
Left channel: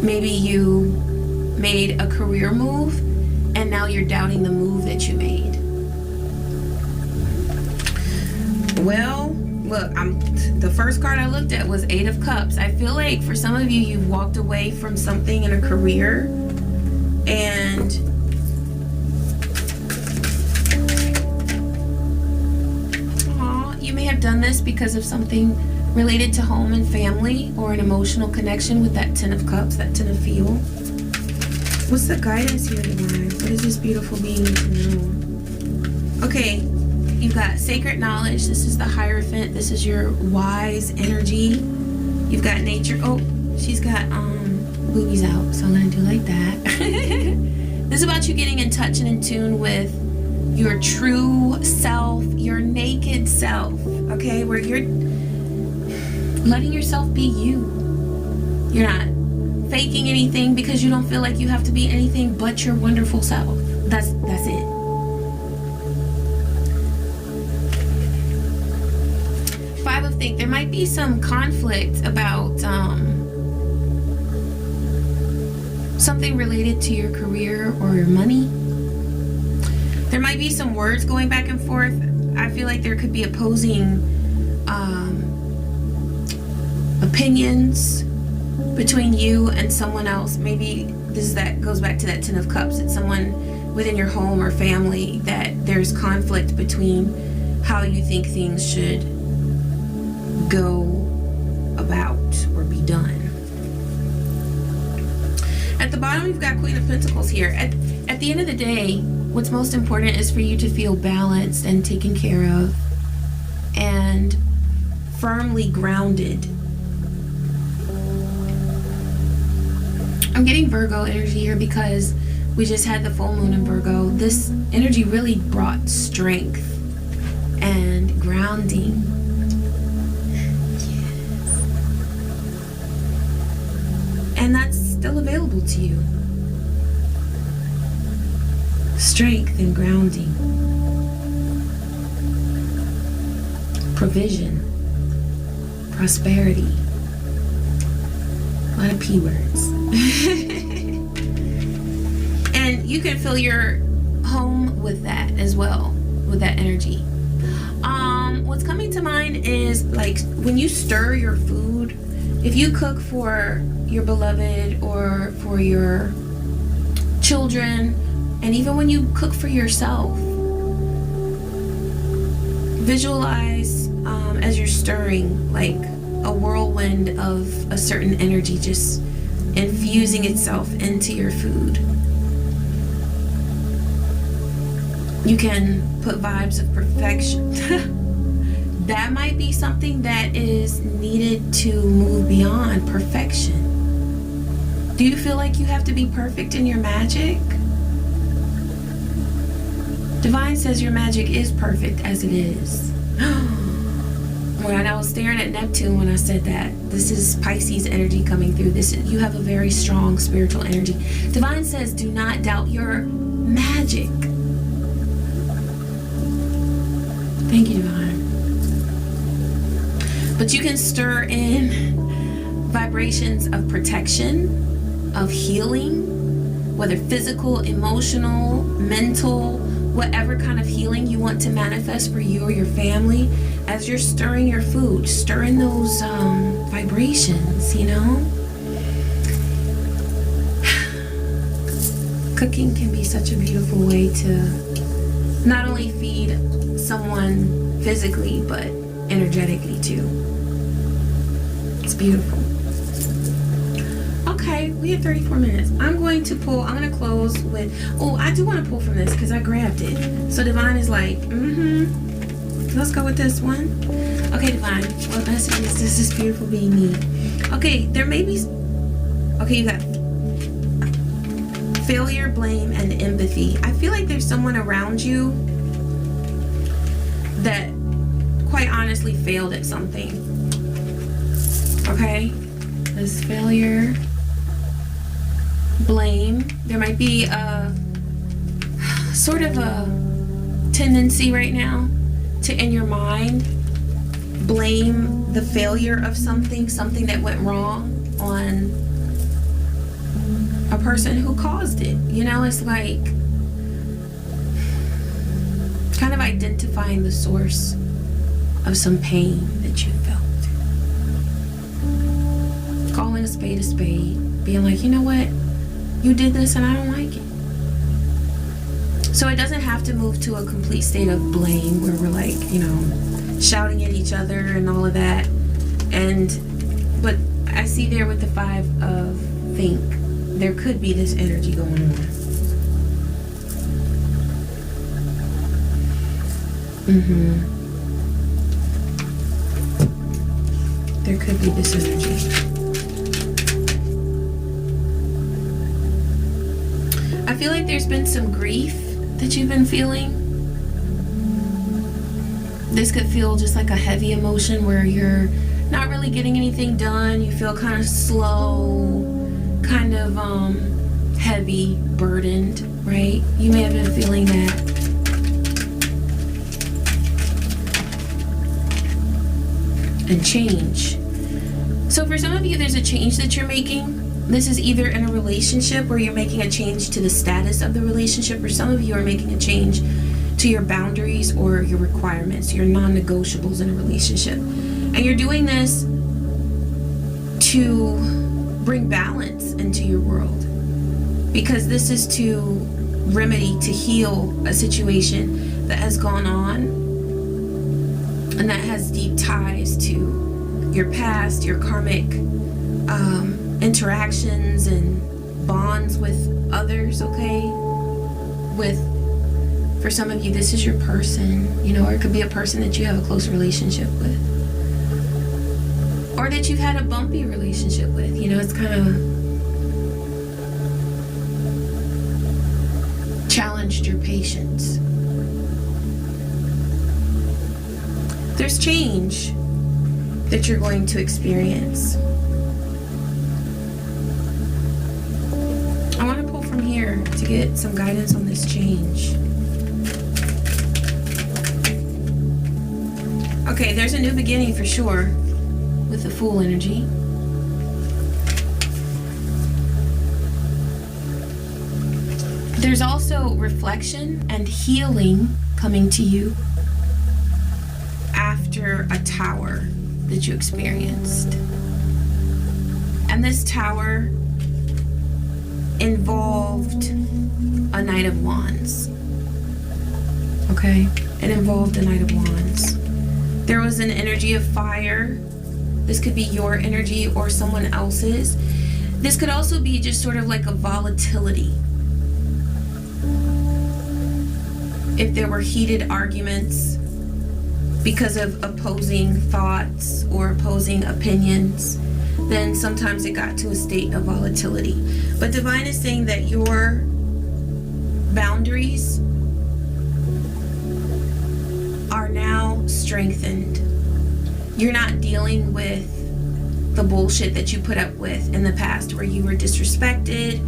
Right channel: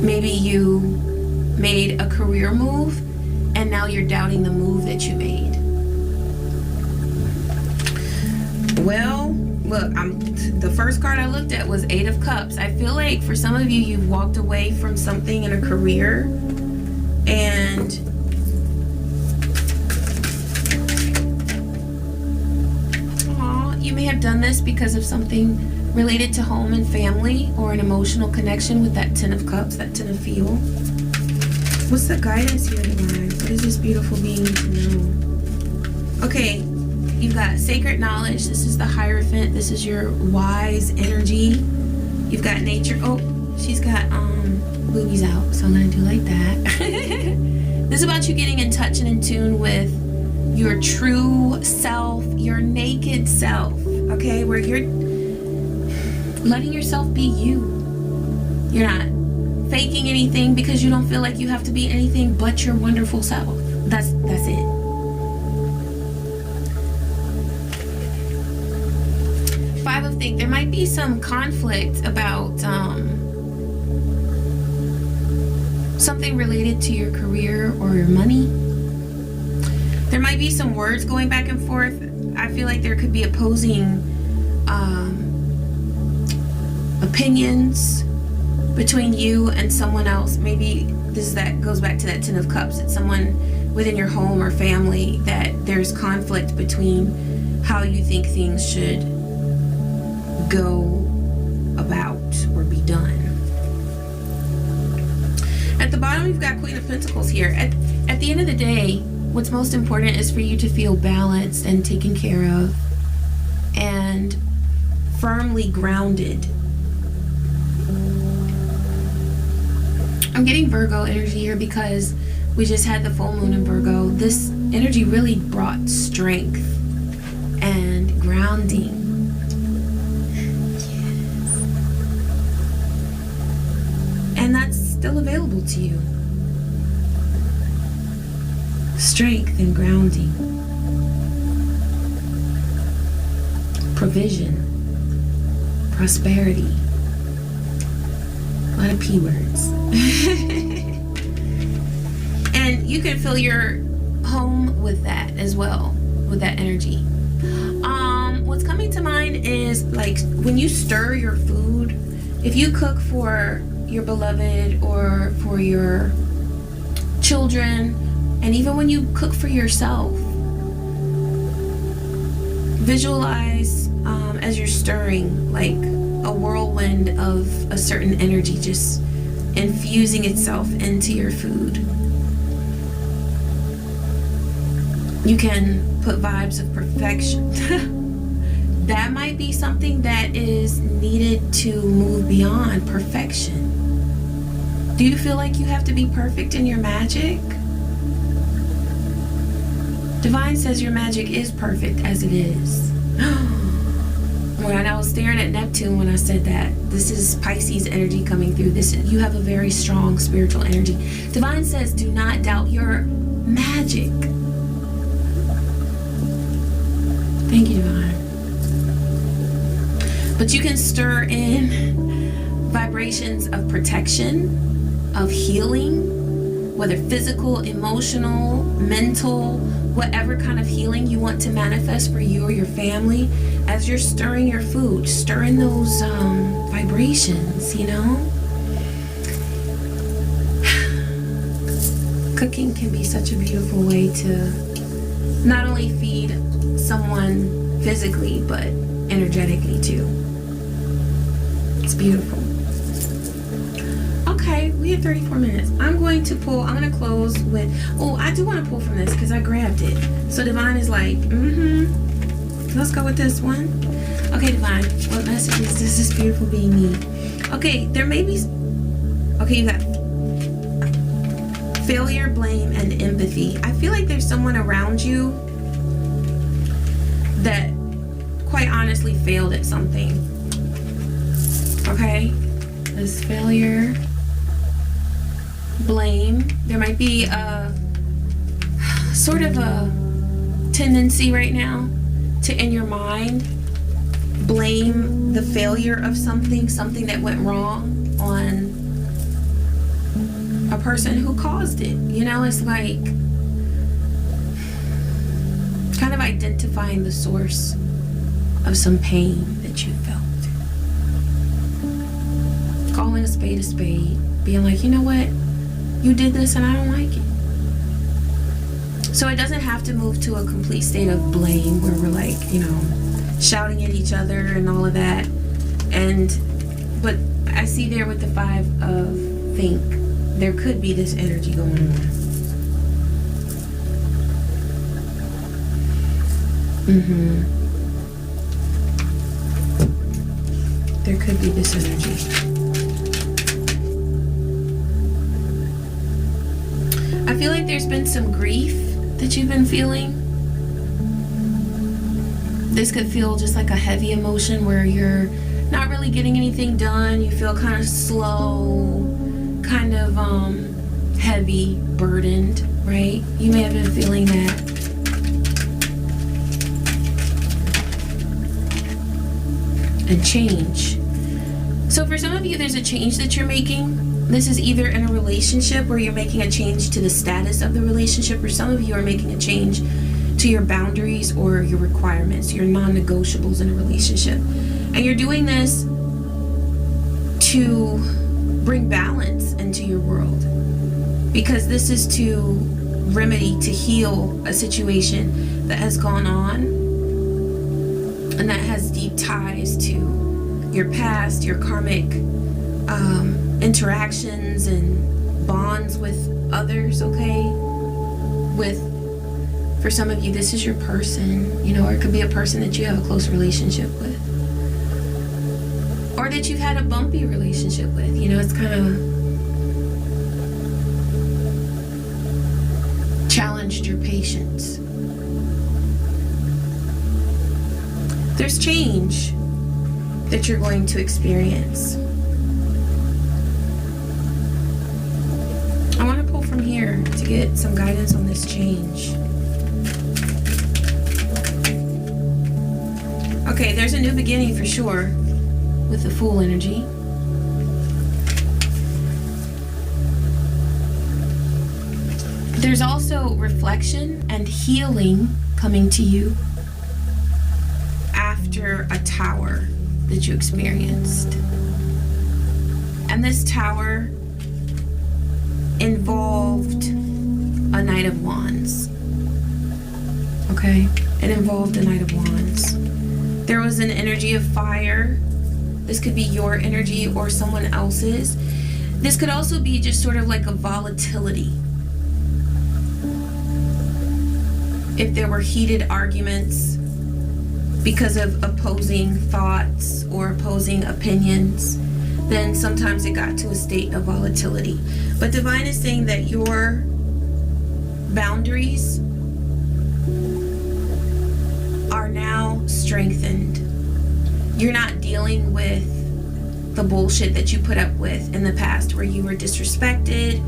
Maybe you made a career move and now you're doubting the move that you made. Well, look, the first card I looked at was 8 of Cups. I feel like for some of you, you've walked away from something in a career, and you may have done this because of something related to home and family, or an emotional connection with that 10 of Cups, that 10 of Feel. What's the guidance here, Divine? What does this beautiful being need to know? Okay, you've got sacred knowledge. This is the Hierophant. This is your wise energy. You've got nature. Oh, she's got boobies out, so I'm gonna do like that. This is about you getting in touch and in tune with your true self, your naked self, okay? Where you're letting yourself be you. You're not faking anything because you don't feel like you have to be anything but your wonderful self. That's it. Five of Think. There might be some conflict about something related to your career or your money. There might be some words going back and forth. I feel like there could be opposing opinions between you and someone else. Maybe that goes back to that Ten of Cups. It's someone within your home or family that there's conflict between how you think things should go about or be done. At the bottom, you've got Queen of Pentacles here. At the end of the day, what's most important is for you to feel balanced and taken care of and firmly grounded. I'm getting Virgo energy here because we just had the full moon in Virgo. This energy really brought strength and grounding. Yes. And that's still available to you. Strength and grounding. Provision. Prosperity. A lot of P words. And you can fill your home with that as well, with that energy. What's coming to mind is like when you stir your food, if you cook for your beloved or for your children, and even when you cook for yourself, visualize as you're stirring like a whirlwind of a certain energy just infusing itself into your food. You can put vibes of perfection. That might be something that is needed to move beyond perfection. Do you feel like you have to be perfect in your magic? Divine says your magic is perfect as it is. When I was staring at Neptune when I said that, this is Pisces energy coming through. You have a very strong spiritual energy. Divine says do not doubt your magic. Thank you, Divine. But you can stir in vibrations of protection, of healing, whether physical, emotional, mental, whatever kind of healing you want to manifest for you or your family. As you're stirring your food, stir in those vibrations, you know? Cooking can be such a beautiful way to not only feed someone physically, but energetically too. It's beautiful. Okay, we have 34 minutes. I'm going to close with, I do want to pull from this because I grabbed it. So Divine is like, let's go with this one. Okay, Divine, what messages does this beautiful being need? Okay, there may be, you got failure, blame, and empathy. I feel like there's someone around you that quite honestly failed at something. Okay, there's failure, blame. There might be a sort of a tendency right now to, in your mind, blame the failure of something that went wrong on a person who caused it. You know, it's like kind of identifying the source of some pain that you felt. Calling a spade, being like, you know what, you did this and I don't like it. So it doesn't have to move to a complete state of blame where we're like, shouting at each other and all of that. But I see there with the 5 of Think, there could be this energy going on. There could be this energy. feel like there's been some grief that you've been feeling. This could feel just like a heavy emotion where you're not really getting anything done. You feel kind of slow, kind of heavy, burdened, right? You may have been feeling that. And change. So for some of you, there's a change that you're making. This is either in a relationship where you're making a change to the status of the relationship, or some of you are making a change to your boundaries or your requirements, your non-negotiables in a relationship. And you're doing this to bring balance into your world, because this is to remedy, to heal a situation that has gone on and that has deep ties to your past, your karmic interactions and bonds with others, okay? For some of you, this is your person, you know, or it could be a person that you have a close relationship with, or that you've had a bumpy relationship with. You know, it's kind of challenged your patience. There's change that you're going to experience. I want to pull from here to get some guidance on this change. Okay, there's a new beginning for sure with the Fool energy. There's also reflection and healing coming to you after a tower that you experienced. And this tower involved a Knight of Wands. Okay? It involved a Knight of Wands. There was an energy of fire. This could be your energy or someone else's. This could also be just sort of like a volatility. If there were heated arguments because of opposing thoughts or opposing opinions, then sometimes it got to a state of volatility. But Divine is saying that your boundaries are now strengthened. You're not dealing with the bullshit that you put up with in the past, where you were disrespected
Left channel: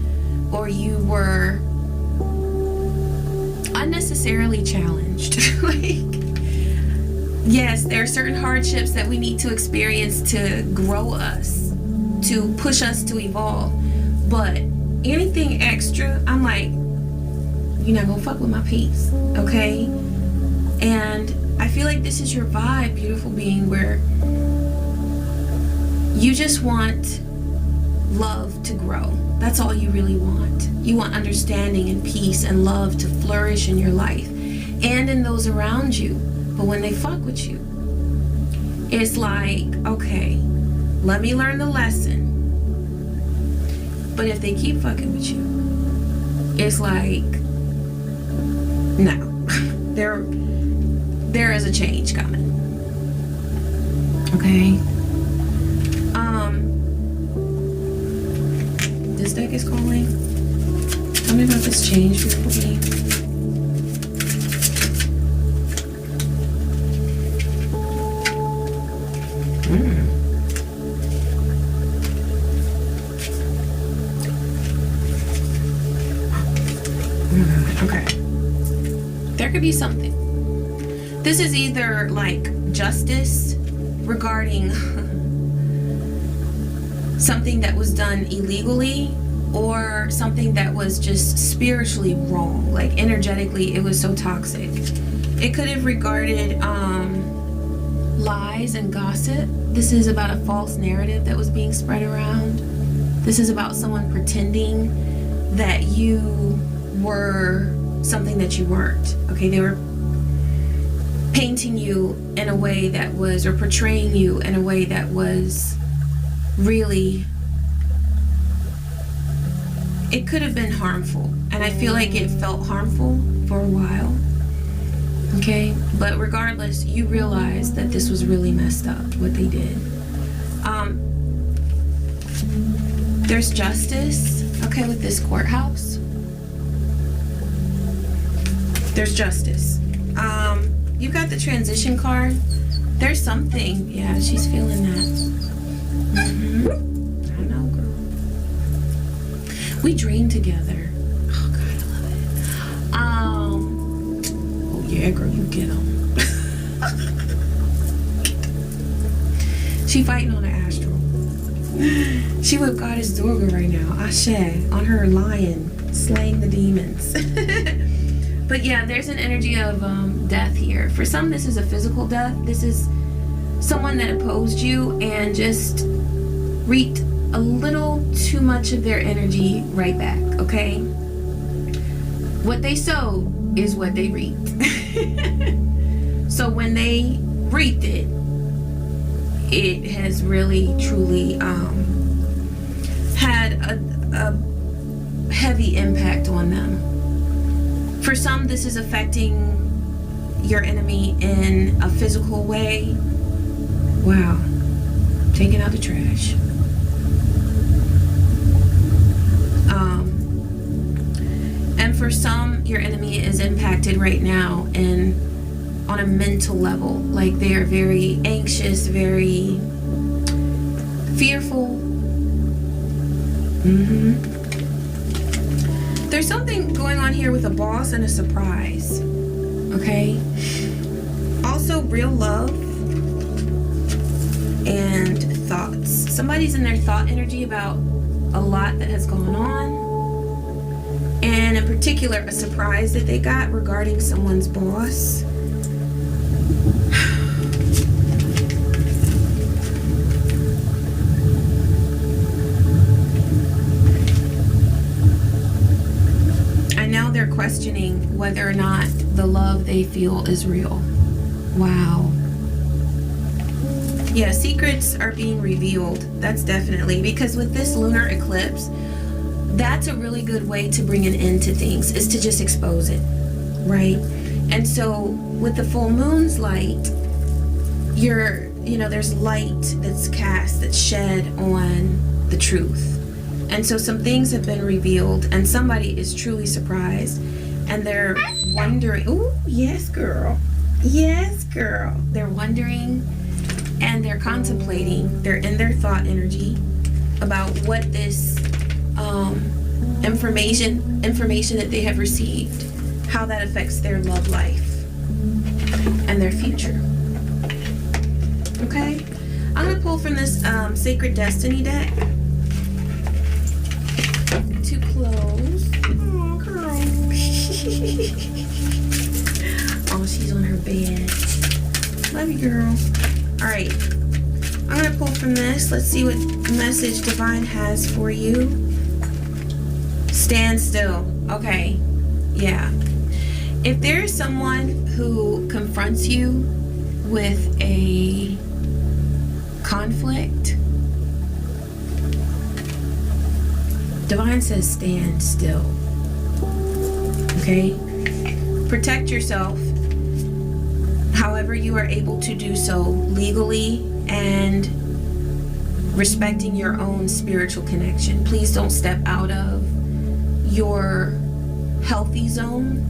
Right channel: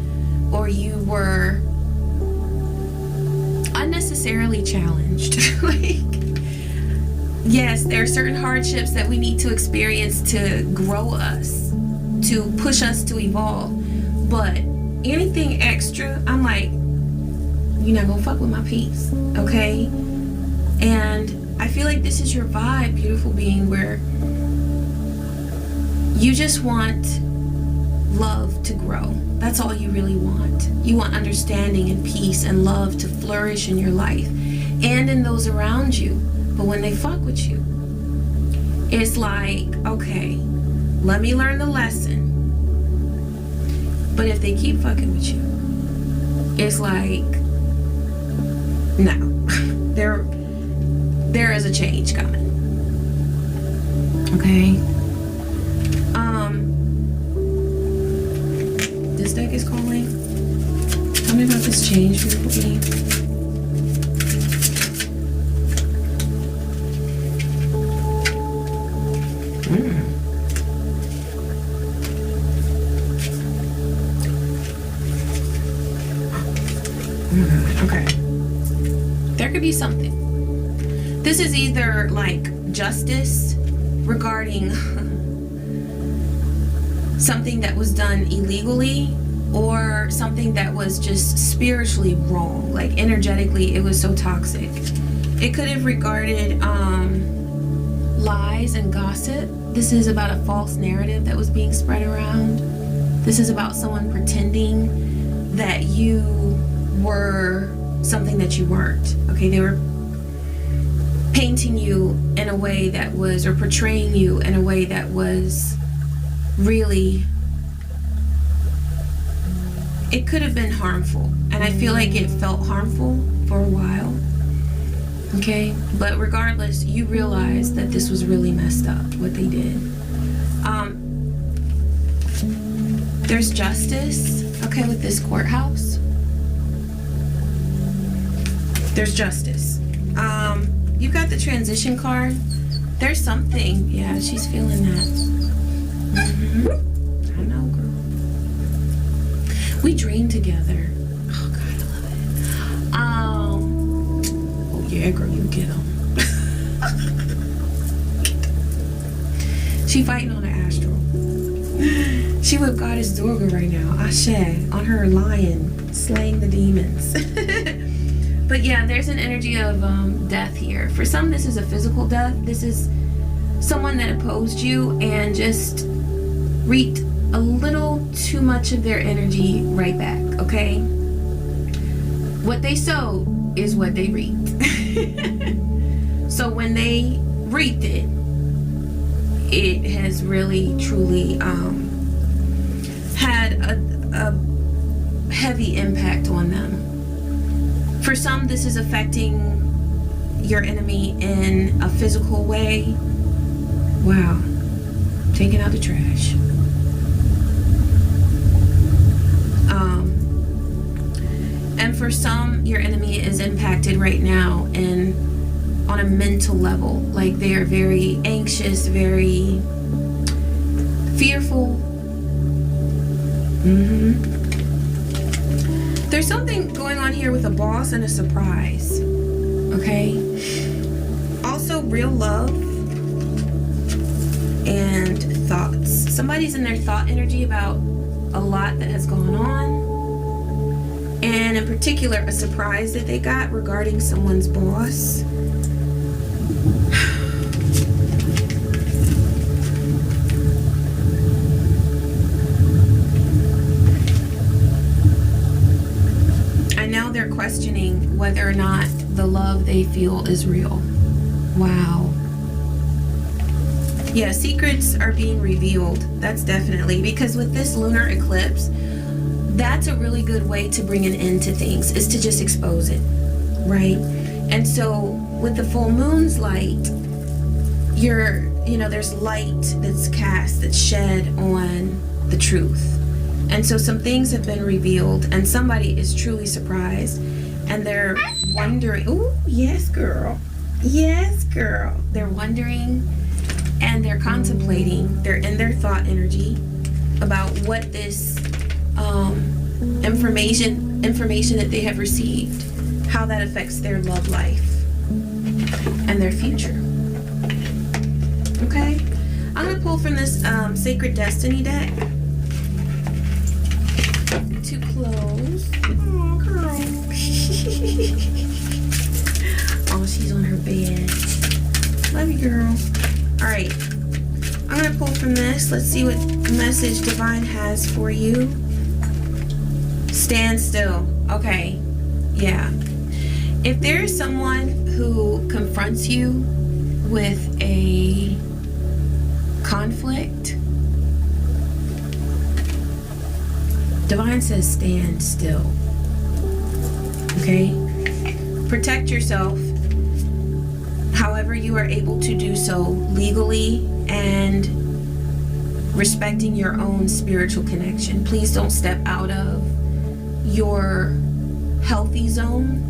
or you were unnecessarily challenged. Like, yes, there are certain hardships that we need to experience to grow us, to push us to evolve. But anything extra, I'm like, you're not gonna fuck with my peace, okay? And I feel like this is your vibe, beautiful being, where you just want love to grow. That's all you really want. You want understanding and peace and love to flourish in your life and in those around you. But when they fuck with you, it's like, okay, let me learn the lesson. But if they keep fucking with you, it's like, no, there is a change coming. Okay. This deck is calling. Tell me about this change, beautiful being. Okay. There could be something. This is either like justice regarding something that was done illegally, or something that was just spiritually wrong, like energetically it was so toxic. It could have regarded lies and gossip. This is about a false narrative that was being spread around. This is about someone pretending that you were something that you weren't. Okay, they were painting you in a way that was, or portraying you in a way that was really, it could have been harmful. And I feel like it felt harmful for a while. Okay, but regardless, you realize that this was really messed up, what they did. There's justice, okay, with this courthouse. There's justice. You got the transition card. There's something. Yeah, she's feeling that. I know, girl. We dream together. Oh, God, I love it. Oh, yeah, girl, you get them. She fighting on an astral. She with Goddess Durga right now. Asé on her lion, slaying the demons. But yeah, there's an energy of death here. For some, this is a physical death. This is someone that opposed you and just reaped a little too much of their energy right back, okay? What they sowed is what they reaped. So when they reaped it, it has really, truly had a heavy impact on them. For some, this is affecting your enemy in a physical way. Wow. Taking out the trash. And for some, your enemy is impacted right now on a mental level. Like they are very anxious, very fearful. There's something going on here with a boss and a surprise. Okay? Also, real love and thoughts. Somebody's in their thought energy about a lot that has gone on. And in particular, a surprise that they got regarding someone's boss. And now they're questioning whether or not the love they feel is real. Wow. Yeah, secrets are being revealed. That's definitely, because with this lunar eclipse, that's a really good way to bring an end to things, is to just expose it, right? And so with the full moon's light, there's light that's cast, that's shed on the truth. And so some things have been revealed and somebody is truly surprised and they're wondering, ooh, yes, girl. Yes, girl. They're wondering and they're contemplating, they're in their thought energy about what this information that they have received, how that affects their love life and their future. Okay, I'm gonna pull from this Sacred Destiny deck to close. Oh, girl. Oh, she's on her bed. Love you, girl. All right, I'm gonna pull from this. Let's see what message Divine has for you. Stand still. Okay, yeah. If there is someone who confronts you with a conflict, Divine says stand still. Okay? Protect yourself however you are able to do so legally and respecting your own spiritual connection. Please don't step out of your healthy zone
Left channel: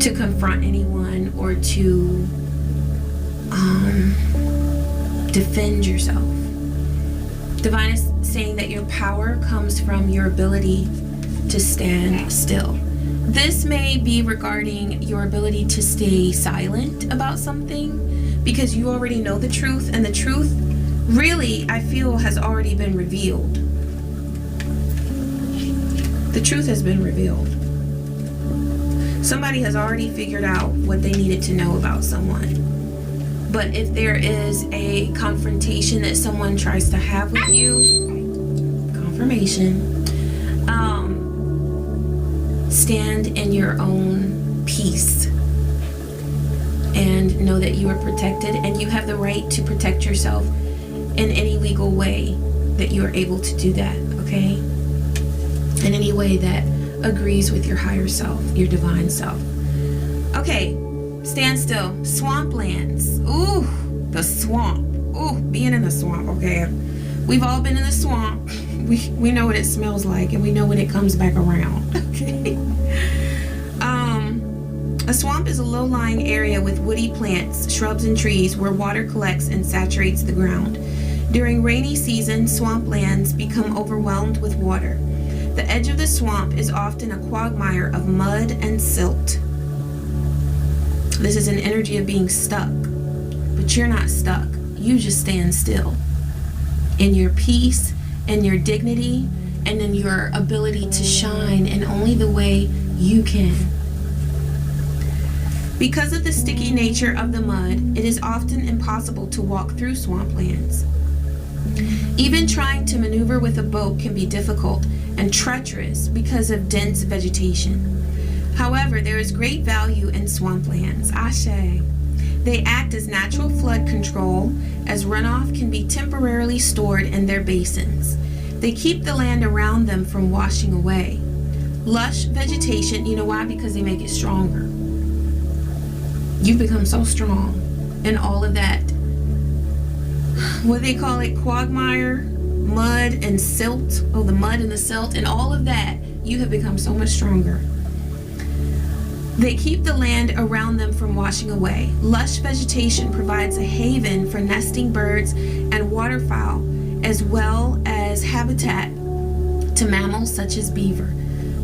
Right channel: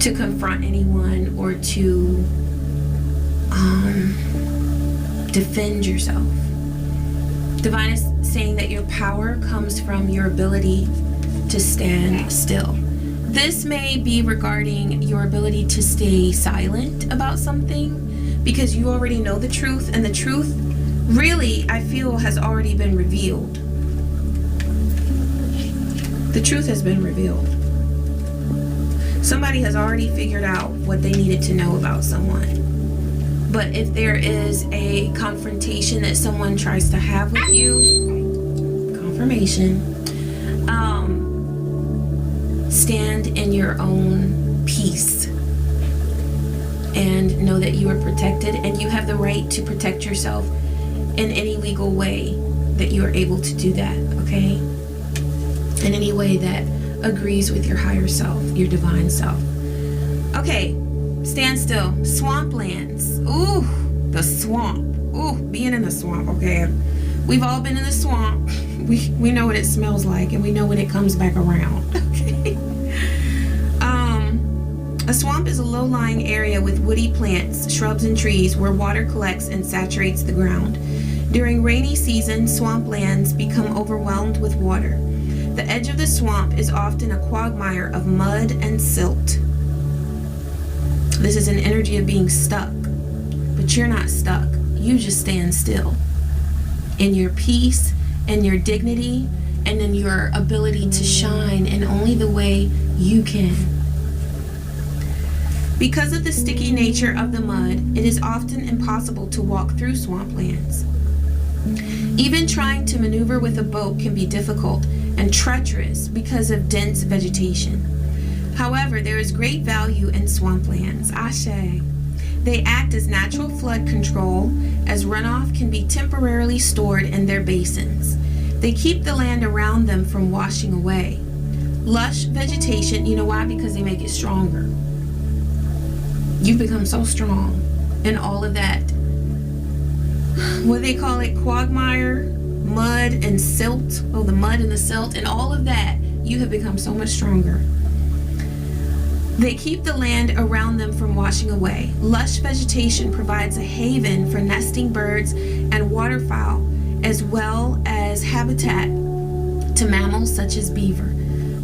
to confront anyone or to defend yourself. Divine is saying that your power comes from your ability to stand still. This may be regarding your ability to stay silent about something because you already know the truth, and the truth really, I feel, has already been revealed. The truth has been revealed. Somebody has already figured out what they needed to know about someone. But if there is a confrontation that someone tries to have with you, confirmation, stand in your own peace and know that you are protected and you have the right to protect yourself in any legal way that you are able to do that, okay? In any way that agrees with your higher self, your divine self. Okay, stand still. Swamplands. Ooh, the swamp. Ooh, being in the swamp, okay? We've all been in the swamp. We know what it smells like and we know when it comes back around, okay? A swamp is a low-lying area with woody plants, shrubs, and trees where water collects and saturates the ground. During rainy season, swamplands become overwhelmed with water. The edge of the swamp is often a quagmire of mud and silt. This is an energy of being stuck, but you're not stuck. You just stand still in your peace and your dignity and in your ability to shine in only the way you can. Because of the sticky nature of the mud, it is often impossible to walk through swamplands. Even trying to maneuver with a boat can be difficult and treacherous because of dense vegetation. However, there is great value in swamplands. Asé. They act as natural flood control, as runoff can be temporarily stored in their basins. They keep the land around them from washing away. Lush vegetation, you know why? Because they make it stronger. You've become so strong in all of that, what do they call it, quagmire, mud and silt. Oh, the mud and the silt and all of that. You have become so much stronger. They keep the land around them from washing away. Lush vegetation provides a haven for nesting birds and waterfowl, as well as habitat to mammals such as beaver.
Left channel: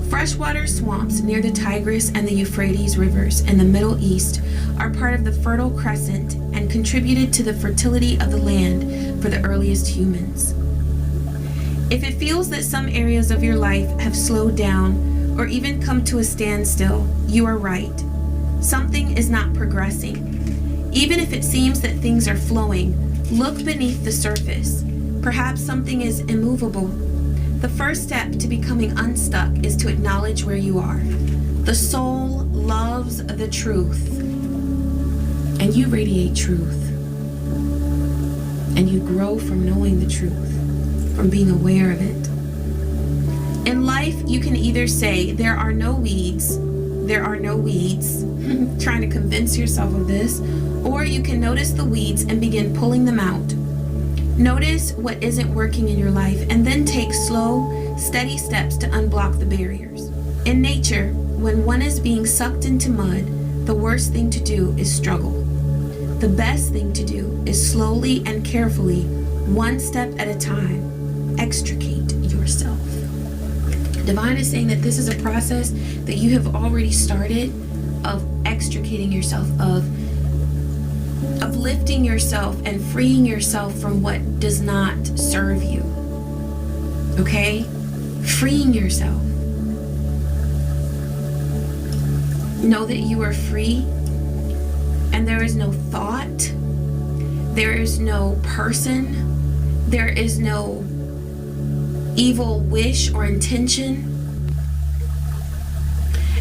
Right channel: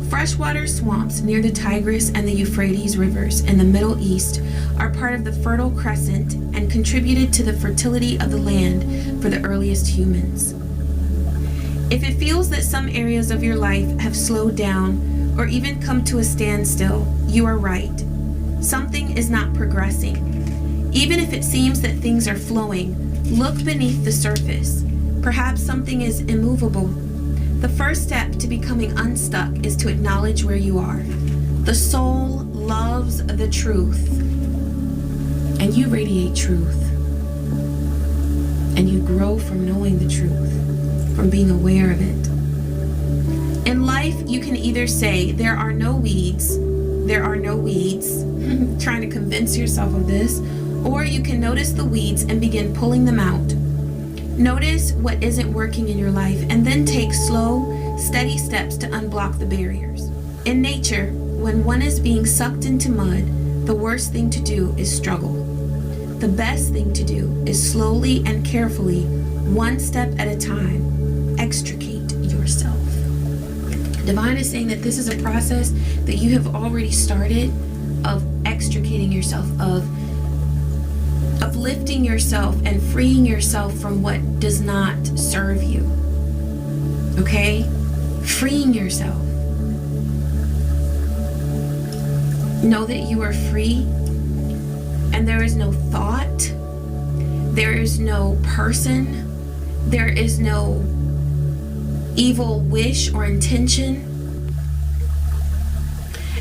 Freshwater swamps near the Tigris and the Euphrates rivers in the Middle East are part of the Fertile Crescent and contributed to the fertility of the land for the earliest humans. If it feels that some areas of your life have slowed down or even come to a standstill, you are right. Something is not progressing. Even if it seems that things are flowing, look beneath the surface. Perhaps something is immovable. The first step to becoming unstuck is to acknowledge where you are. The soul loves the truth, and you radiate truth. And you grow from knowing the truth, from being aware of it. In life, you can either say, there are no weeds, trying to convince yourself of this, or you can notice the weeds and begin pulling them out. Notice what isn't working in your life and then take slow, steady steps to unblock the barriers. In nature, when one is being sucked into mud, the worst thing to do is struggle. The best thing to do is slowly and carefully, one step at a time, extricate yourself. Divine is saying that this is a process that you have already started of extricating yourself, of lifting yourself and freeing yourself from what does not serve you. Okay? Freeing yourself. Know that you are free, and there is no thought, there is no person, there is no evil wish or intention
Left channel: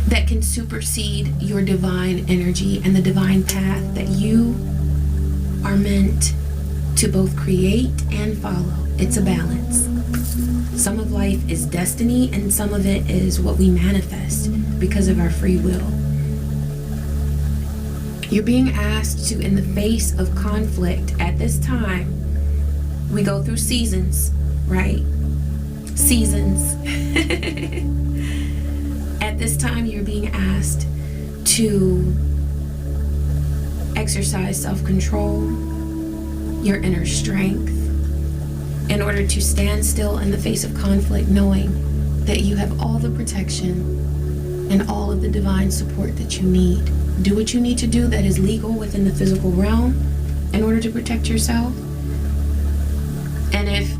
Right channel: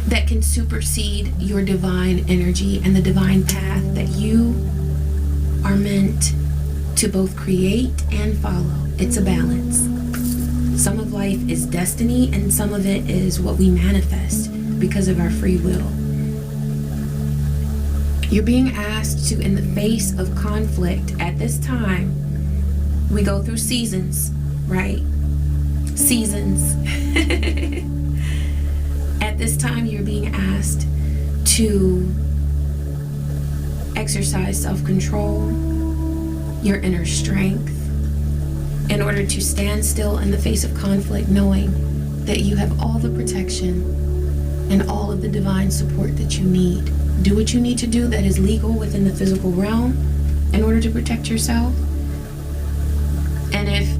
that can supersede your divine energy and the divine path that you are meant to both create and follow. It's a balance. Some of life is destiny, and some of it is what we manifest because of our free will. You're being asked to, in the face of conflict at this time, we go through seasons, right? Seasons. At this time, you're being asked to exercise self-control, your inner strength, in order to stand still in the face of conflict, knowing that you have all the protection and all of the divine support that you need. Do what you need to do that is legal within the physical realm in order to protect yourself. And if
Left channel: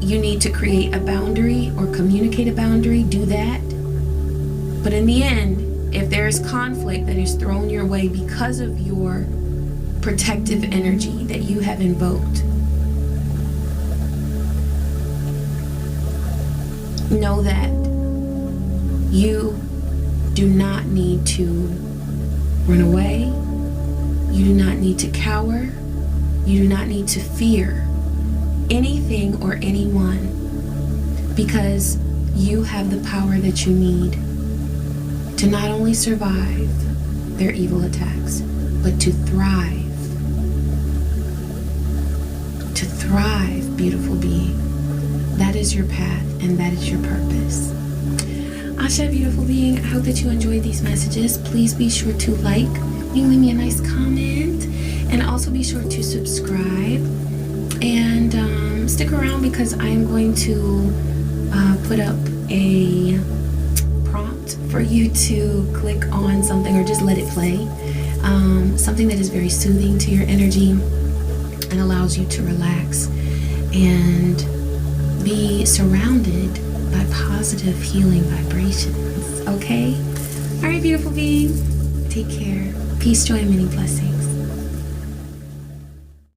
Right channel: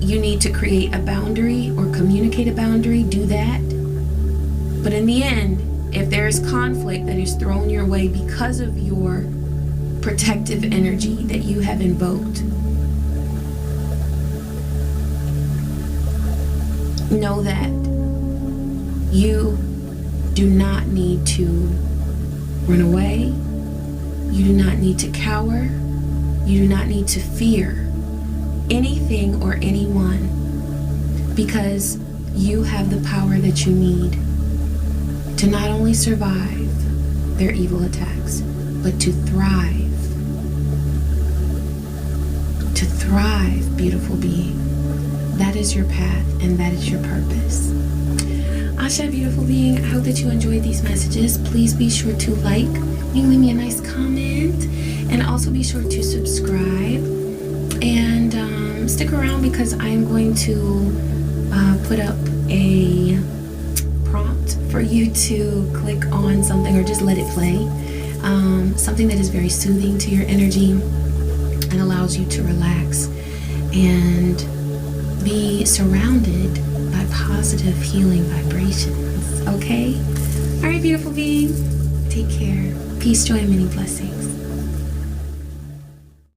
you need to create a boundary or communicate a boundary, do that. But in the end, if there is conflict that is thrown your way because of your protective energy that you have invoked, know that you do not need to run away. You do not need to cower. You do not need to fear anything or anyone, because you have the power that you need to not only survive their evil attacks, but to thrive. To thrive, beautiful being. That is your path, and that is your purpose. Asha, beautiful being, I hope that you enjoyed these messages. Please be sure to like. You can leave me a nice comment. And also be sure to subscribe. And stick around because I am going to put up a prompt for you to click on something or just let it play. Something that is very soothing to your energy and allows you to relax and be surrounded by positive healing vibrations. Okay? All right, beautiful being. Take care. Peace, joy, and many blessings.